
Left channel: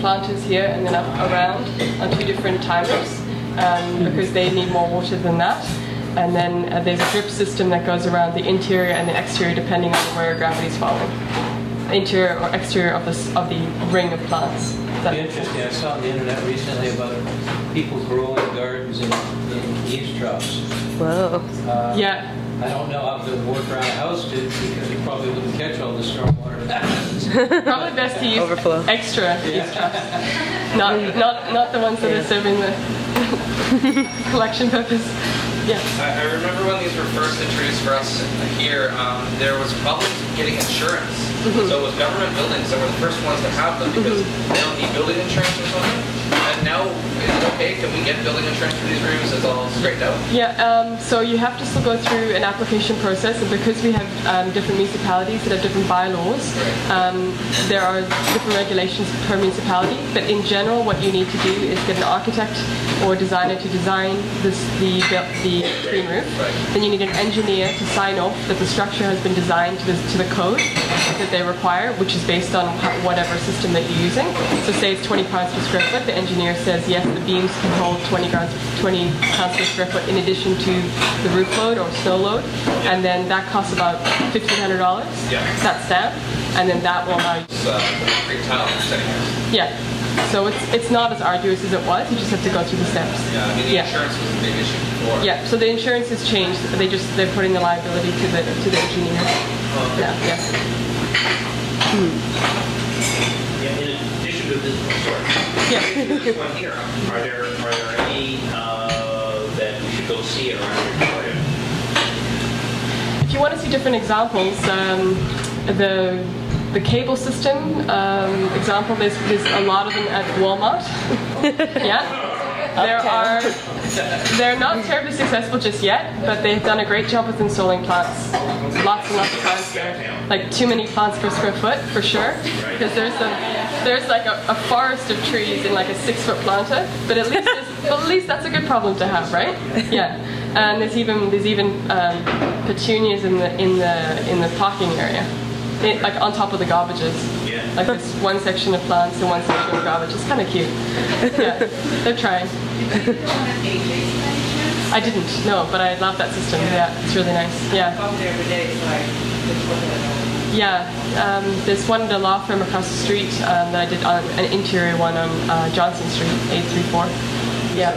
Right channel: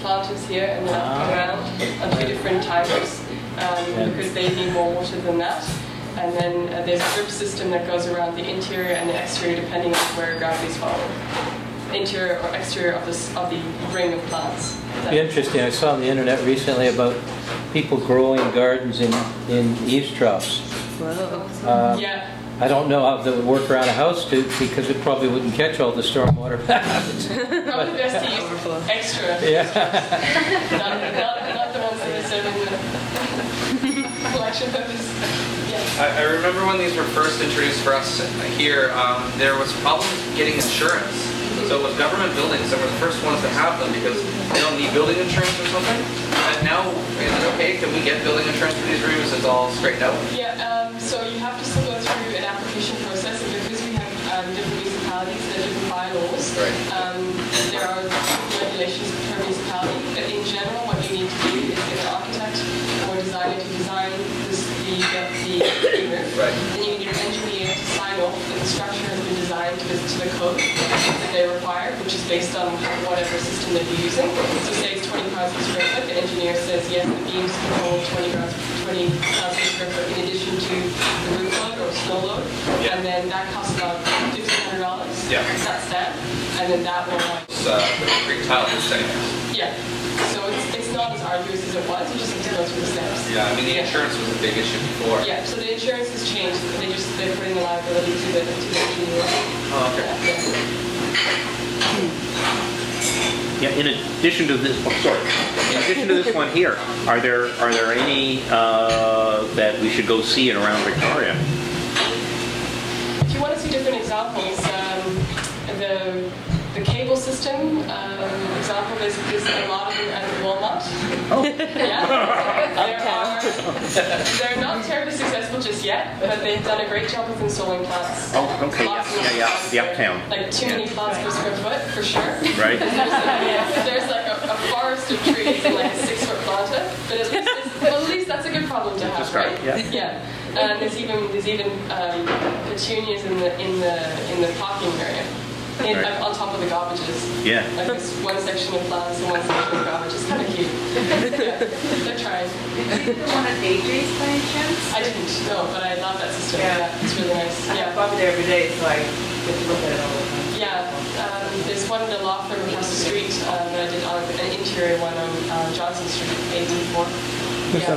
planters here, and then up around on 2 different timers, because they need more water than that. And then there's a drip system that goes around the interior and the exterior depending on where gravity is falling. Interior or exterior of the ring of plants. It'd be interesting. I saw on the internet recently about people growing gardens in eavesdrops. Whoa. Yeah. I don't know how they would work around a house because it probably wouldn't catch all the stormwater patterns. Probably best to use overflow. Extra eavesdrops. not the ones that are serving the collection purpose. Yeah. I remember when these were first introduced for us here, there was problems getting insurance. So with government buildings, they were the first ones to have them because they don't need building insurance or something. And now, is it okay? Can we get building insurance for these rooms? It's all straightened out? Yeah, so you have to still go through an application process, and because we have different municipalities that have different bylaws, there are different regulations per municipality. But in general, what you need to do is get an architect or designer to design the green roof. Right. Then you need an engineer to sign off that the structure has been designed to the code. that they require, which is based on whatever system that you're using. So say it's 20 pounds per square foot, the engineer says, yes, the beams can hold 20 pounds per square foot in addition to the roof load or snow load. Yeah. And then that costs about $1,500. Yeah. That stamp. And then that will allow you. It's concrete tiling for setting house. Yeah. So it's not as arduous as it was. You just have to go through the steps. Yeah, I mean the insurance was a big issue before. Yeah. So the insurance has changed. They're putting the liability to the engineer. Oh, okay. Yeah. Yeah, in addition to this, in addition to this one here, are there any that we should go see in around Victoria? If you want to see different examples, the cable system example, there's a lot of them at Walmart. Yeah. They're not terribly successful just yet, but they've done a great job with installing plants. Lots and lots of plants. Like too many plants per square foot, for sure. Right. Because there's like a forest of trees in like a 6-foot planta, but at least that's a good problem to have, right? Yeah. And there's even petunias in the parking area. Like on top of the garbages. Yeah. Like there's one section of plants and one section of garbage. It's kind of cute. Yeah. They're trying. Did you want an AJ's by any chance? I didn't, no, but I love that system. Yeah, it's really nice. Yeah. I'm there every day, so I just look at it all. Yeah. There's one in the law firm across the street that I did on an interior one on Johnson Street, 834. Yeah,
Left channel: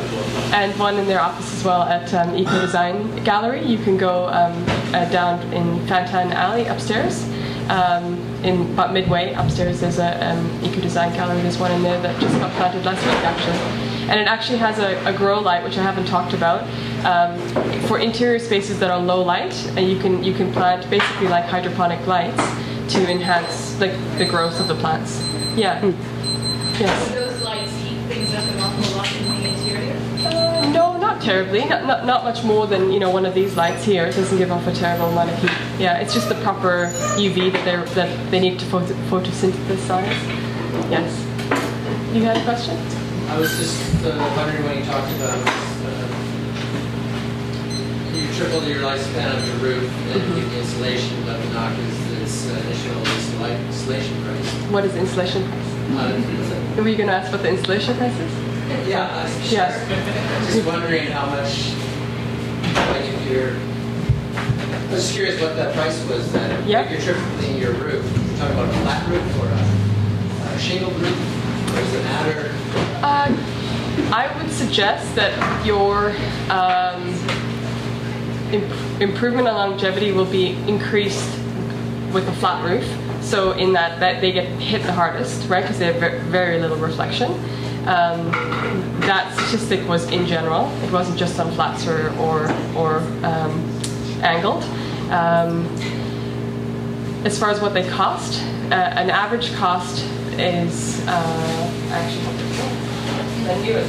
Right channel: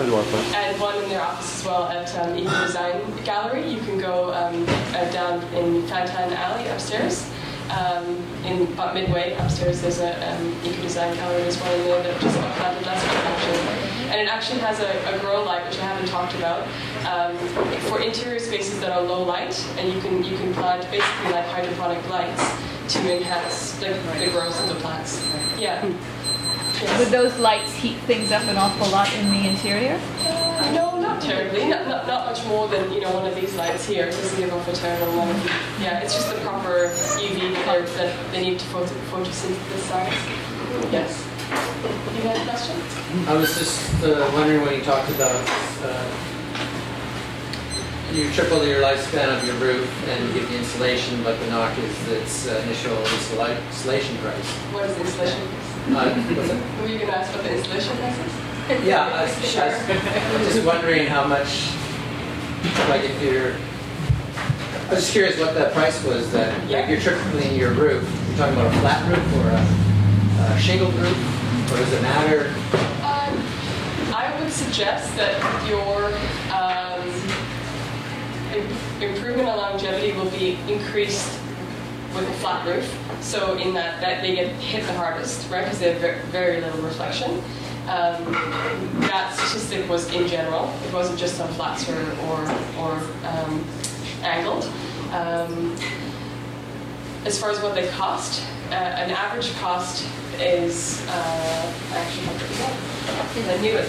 and one in their office as well at Eco Design Gallery. You can go down in Fantan Alley upstairs. In about midway upstairs, there's a Eco Design Gallery. There's one in there that just got planted last week, actually. And it actually has a grow light, which I haven't talked about, for interior spaces that are low light, and you can plant basically like hydroponic lights to enhance the growth of the plants. Yeah. Yes. Would those lights heat things up an awful lot in the interior? No, not terribly. Not much more than one of these lights here. It doesn't give off a terrible amount of heat. Yeah, it's just the proper UV that they need to photosynthesize. Yes. You had a question? I was just wondering when you talked about you tripled your lifespan of your roof and the insulation, but the knock is its initial installation price. What is insulation price? Were you going to ask what the installation price is? Yeah, I was just wondering how much, like if you're, I was just curious what that price was if you're tripling your roof. You're talking about a flat roof or a shingled roof, or does it matter? I would suggest that your improvement on longevity will be increased with a flat roof. So in that they get hit the hardest, right? Because they have very little reflection. That statistic was in general. It wasn't just on flats or angled. As far as what they cost, an average cost is I actually have to I knew it.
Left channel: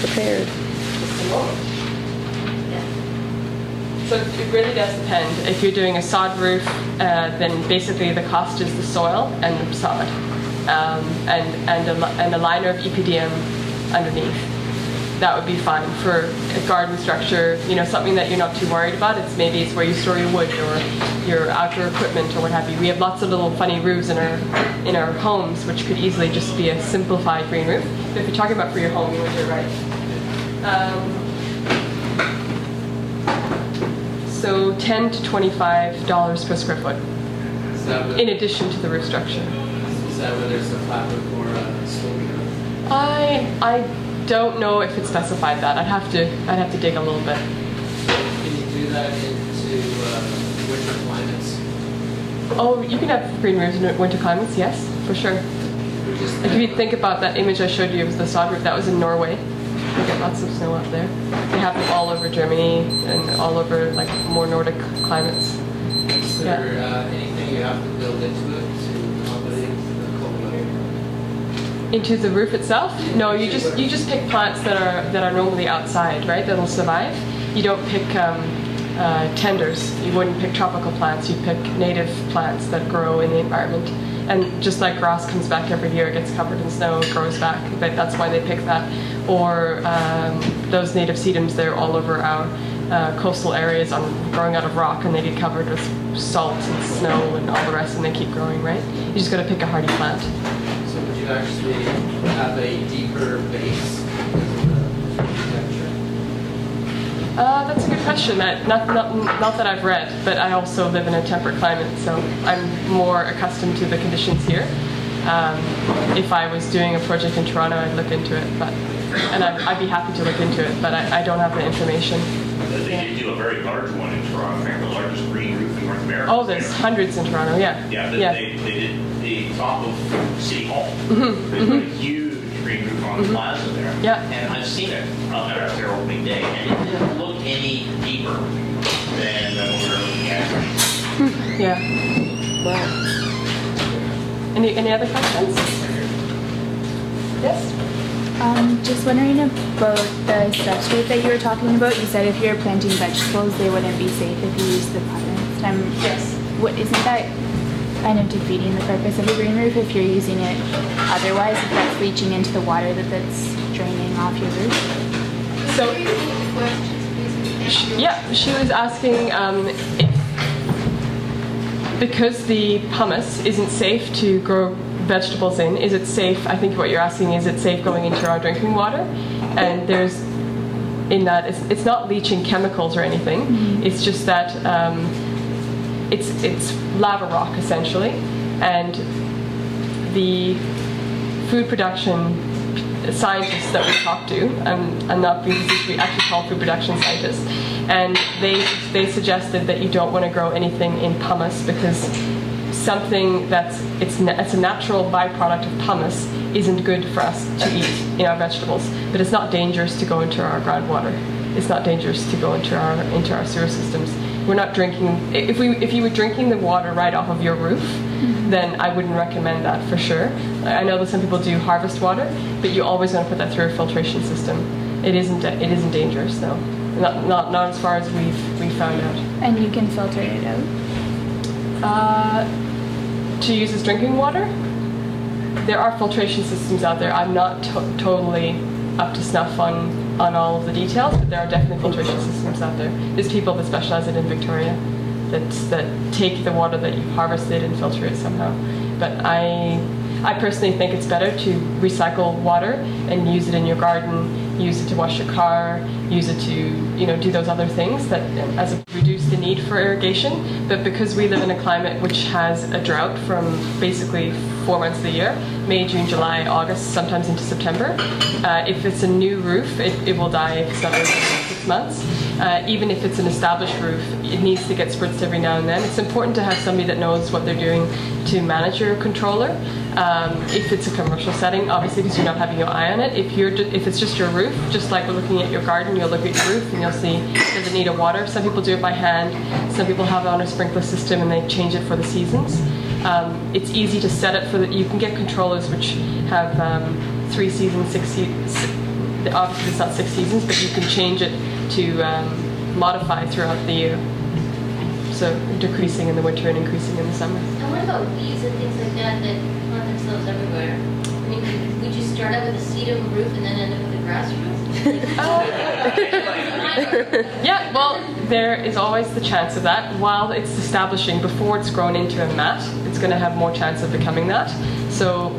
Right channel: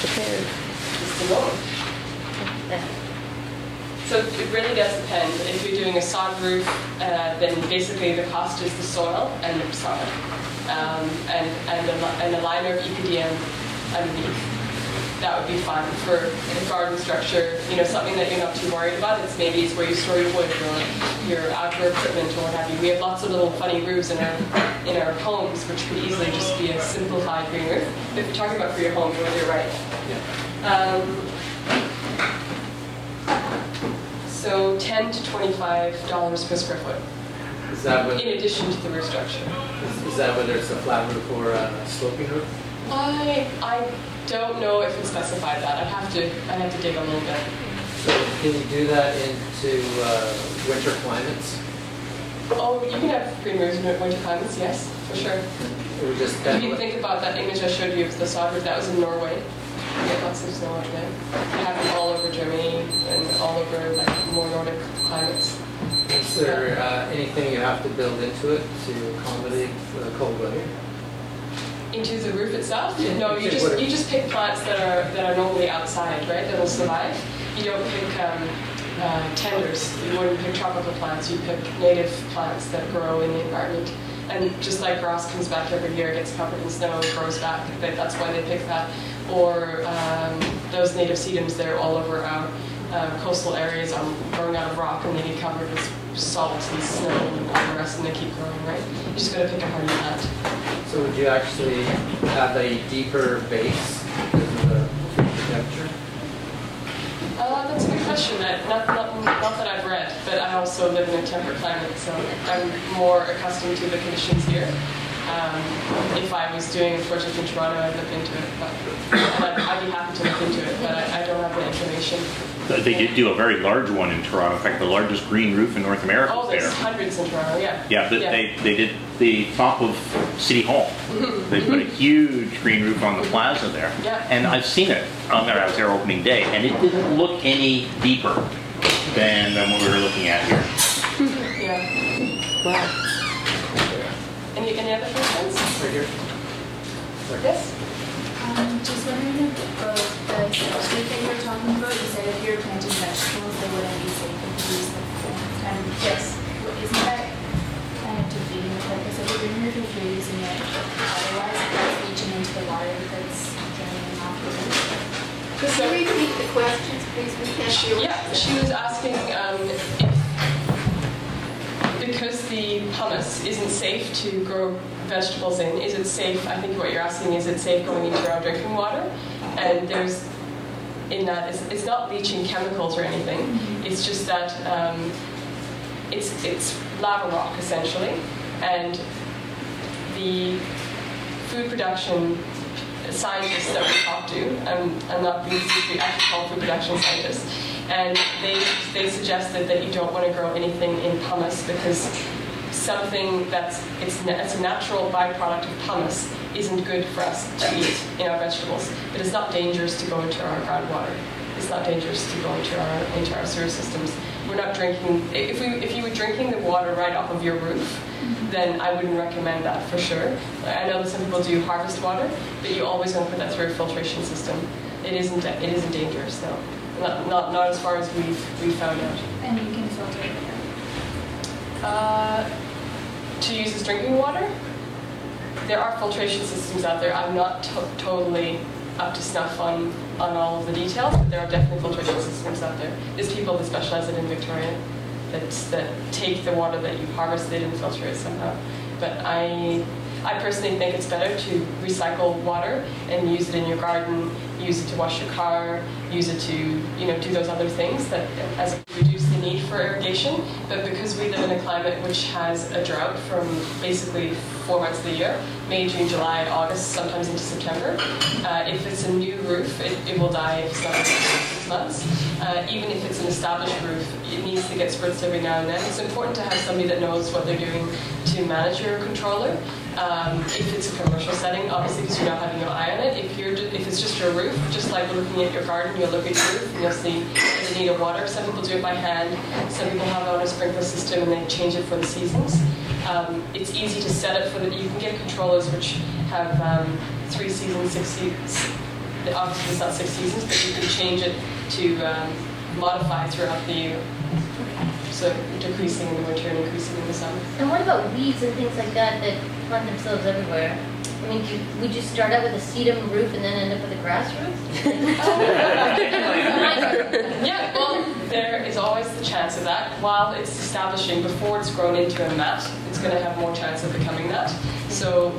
Prepared. Just a moment. So it really does depend. If you're doing a sod roof, then basically the cost is the soil and the sod, and a liner of EPDM underneath. That would be fine for a garden structure. Something that you're not too worried about. It's where you store your wood or your outdoor equipment or what have you. We have lots of little funny roofs in our homes, which could easily just be a simplified green roof. But if you're talking about for your home, you're right. So $10 to $25 per square foot. Is that in addition to the roof structure. Is that whether it's a flat roof or a sloping roof? I don't know if it specified that. I'd have to dig a little bit. So can you do that into winter climates? Oh, you can have green roofs in winter climates, yes, for sure. If you think about that image I showed you of the sod roof, that was in Norway. We get lots of snow up there. They have them all over Germany and all over like more Nordic climates. Is there anything you have to build into it to accommodate the cold weather? Into the roof itself? No, you just pick plants that are normally outside, right? That'll survive. You don't pick tenders. You wouldn't pick tropical plants. You pick native plants that grow in the environment. And just like grass comes back every year, it gets covered in snow, it grows back. But that's why they pick that. Or those native sedums, they're all over our coastal areas are growing out of rock and they get covered with salt and snow and all the rest, and they keep growing, right? You just got to pick a hardy plant. So would you actually have a deeper base because of the temperature? That's a good question. Not that I've read, but I also live in a temperate climate, so I'm more accustomed to the conditions here. If I was doing a project in Toronto, I'd look into it, and I'd be happy to look into it, but I don't have the information. They did do a very large one in Toronto. In fact, the largest green roof in North America. Oh, there's hundreds in Toronto, yeah. Yeah, they did the top of City Hall. They put a huge green roof on the plaza there. Yeah. And I've seen it out there as their opening day, and it didn't look any deeper than what we were looking at here. Yeah. Wow. Any other questions? Yes? Just wondering about the substrate that you were talking about. You said if you're planting vegetables, they wouldn't be safe if you use the powder next time. Yes. Isn't that kind of defeating the purpose of a green roof if you're using it otherwise, if it's leaching into the water that's draining off your roof? Could you repeat the questions, please? Yeah, she was asking if, because the pumice isn't safe to grow vegetables in, is it safe, I think what you're asking, is it safe going into our drinking water? And there's, in that, it's not leaching chemicals or anything, it's just that it's lava rock essentially, and the food production scientists that we talk to, I'm not being we actually call food production scientists, and they suggested that you don't want to grow anything in pumice because something it's a natural byproduct of pumice isn't good for us to eat in our vegetables, but it's not dangerous to go into our groundwater. It's not dangerous to go into our sewer systems. We're not drinking. If you were drinking the water right off of your roof, then I wouldn't recommend that for sure. I know that some people do harvest water, but you always want to put that through a filtration system. It isn't dangerous though. Not as far as we've found out. And you can filter it out? To use as drinking water? There are filtration systems out there. I'm not totally up to snuff on all of the details, but there are definitely filtration systems out there. There's people that specialize in Victoria that take the water that you've harvested and filter it somehow. But I personally think it's better to recycle water and use it in your garden, use it to wash your car, use it to do those other things that reduce the need for irrigation. But because we live in a climate which has a drought from basically 4 months of the year, May, June, July, August, sometimes into September, if it's a new roof, it will die if it's not over 6 months. Even if it's an established roof, it needs to get spritzed every now and then. It's important to have somebody that knows what they're doing to manage your controller. If it's a commercial setting, obviously because you're not having your eye on it. If it's just your roof, just like we're looking at your garden, you'll look at your roof and you'll see does it need a water. Some people do it by hand. Some people have it on a sprinkler system and they change it for the seasons. It's easy to set it you can get controllers which have 3 seasons, 6 seasons. Obviously it's not 6 seasons, but you can change it to modify throughout the year. So decreasing in the winter and increasing in the summer. And what about weeds and things like that plant themselves everywhere? I mean, would you start out with a sedum roof and then end up with a grass roof? Yeah, well, there is always the chance of that. While it's establishing, before it's grown into a mat, it's going to have more chance of becoming that. So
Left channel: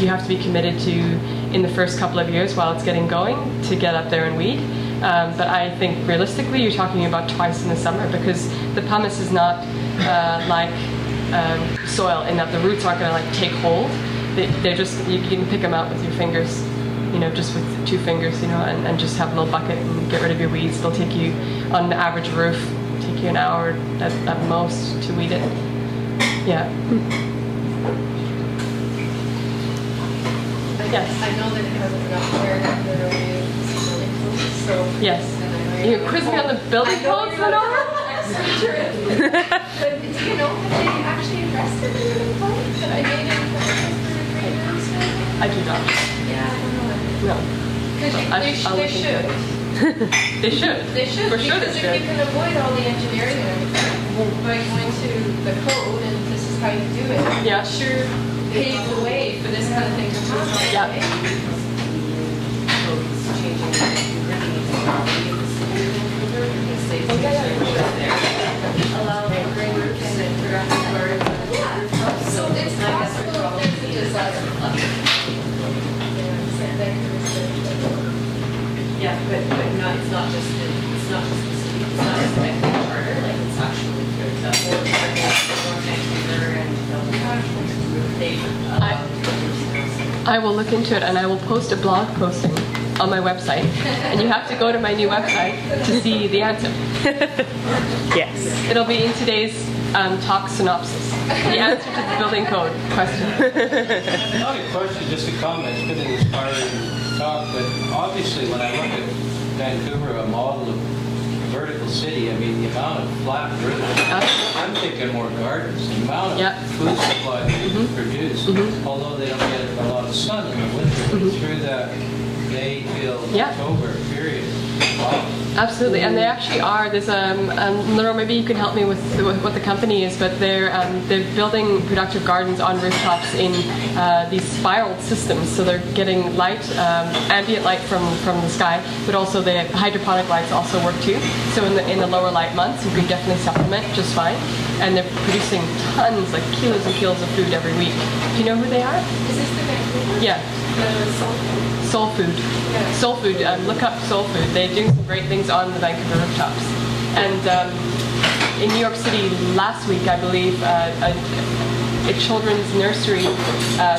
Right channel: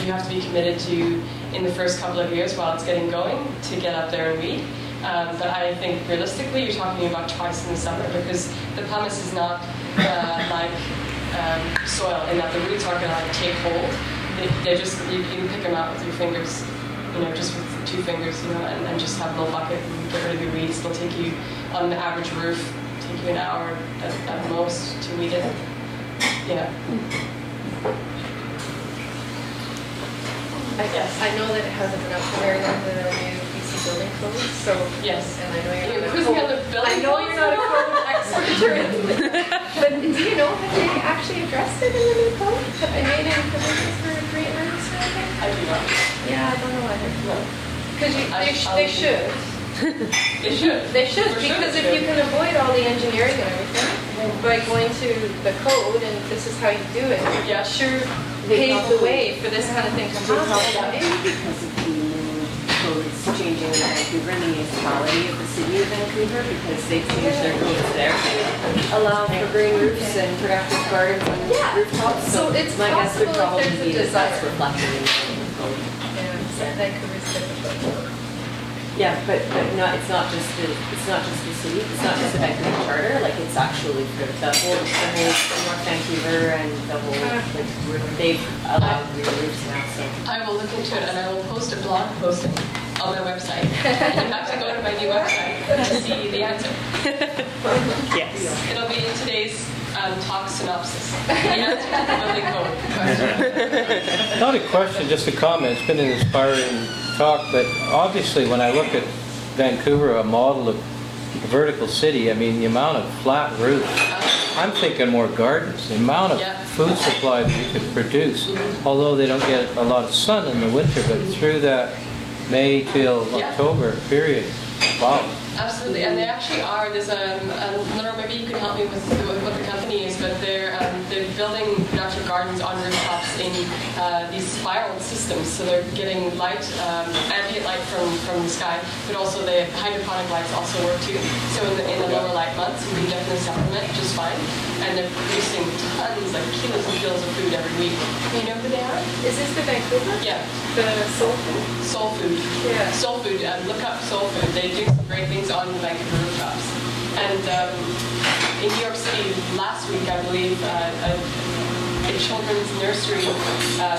you have to be committed to, in the first couple of years while it's getting going, to get up there and weed. But I think realistically you're talking about twice in the summer because the pumice is not like soil in that the roots aren't going to take hold. They're just, you can pick them out with your fingers, just with 2 fingers, and just have a little bucket and get rid of your weeds. It'll take you, on the average roof, take you an hour at most to weed it. Yeah. I know that it hasn't got cleared up the new building code, so yes. And I know you're quizzing on the building code. But do you know that they actually addressed it in the new code? That I made in provisions for green roofs? I do not. Yeah, I don't know whether. No. Because they should. They should. They should, for sure because if you can avoid all the engineering and everything by going to the code and this is how you do it, yeah. Sure pave the way for this kind of thing to happen. Codes changing and bringing it to quality of the city of Vancouver, the state is there. Allow for green roofs and productive gardens. Yeah, so it's possible if there's a desire. Yeah, but not, it's not just the city, it's not just the Vancouver Charter, like it's actually the whole North Vancouver and the whole, they've allowed green roofs now. So. I will look into it and I will post a blog posting on my website. And you have to go to my new website to see the answer. Yes. It'll be in today's talk synopsis. The answer to the building code question. Not a question, just a comment. It's been an inspiring talk, but obviously when I look at Vancouver, a model of a vertical city, I mean the amount of flat roofs, I'm thinking more gardens, the amount of food supply that you can produce, although they don't get a lot of sun in the winter, but through that May till October period. Wow. Absolutely, and they actually are. There's Laura, maybe you can help me with what the company is, but they're building productive gardens on rooftops in these spiraled systems. So they're getting light, ambient light from the sky, but also the hydroponic lights also work too. So in the lower light months, you can definitely supplement just fine. And they're producing tons, like kilos and kilos of food every week. Do you know who they are? Is this the Vancouver? Yeah. The soulful? Soul Food. Yeah. Soul Food. Look up Soul Food. They do some great things on the Vancouver rooftops. And in New York City last week, I believe, a children's nursery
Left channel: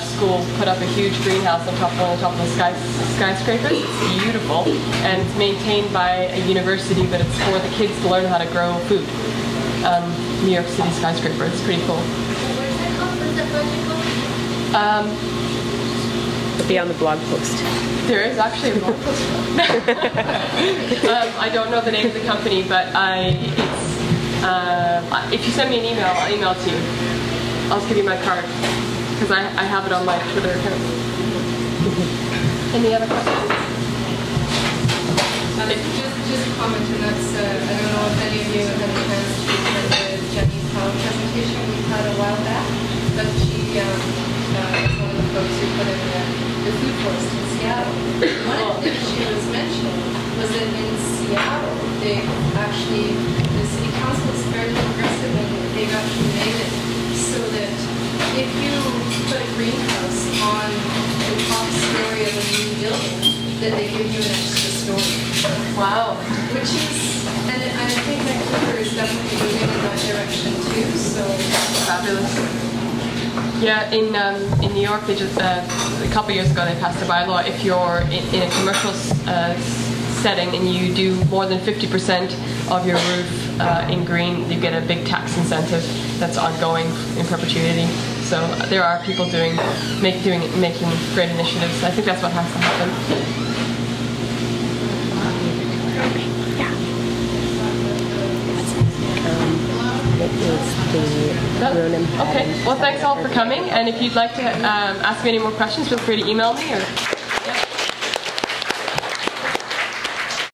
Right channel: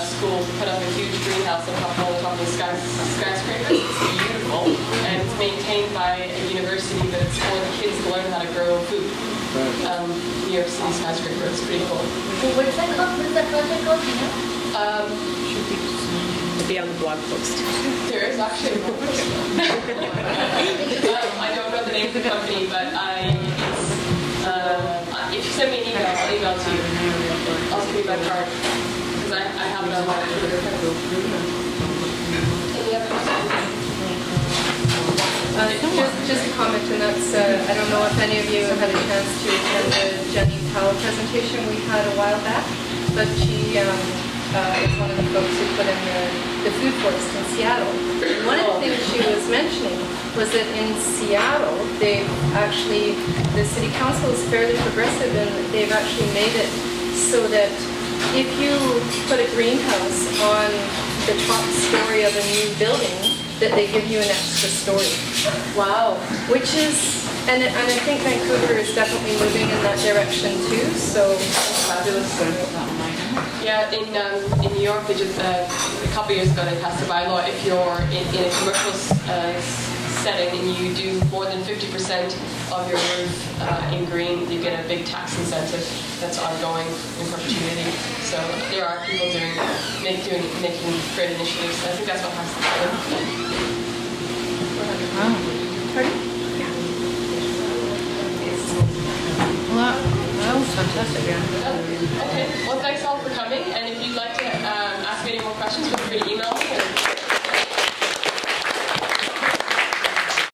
school put up a huge greenhouse on top of the skyscrapers. It's beautiful, and it's maintained by a university, but it's for the kids to learn how to grow food. New York City skyscraper. It's pretty cool. What is that called? What is that project called? It'll be on the blog post. There is actually a blog post. I don't know the name of the company, but if you send me an email, I'll email it to you. I'll just give you my card because I have it on my Twitter account. Any other questions? Just a comment, and that's, I don't know if any of you have had a chance to attend the Jenny Powell presentation we had a while back, but she was one of the folks who put in the food forest in Seattle. One of the things she was mentioning was that in Seattle, the city council is fairly progressive, and they've actually made it so that if you put a greenhouse on the top story of a new building, that they give you an extra story. Wow. Which is, and I think Vancouver is definitely moving in that direction too, so. Fabulous. Yeah, in New York, they just, a couple years ago, they passed a bylaw. If you're in a commercial setting and you do more than 50% of your roof in green, you get a big tax incentive that's ongoing in perpetuity. So there are people making great initiatives. I think that's what has to happen. Okay, well thanks all for coming, and if you'd like to ask me any more questions, feel free to email me or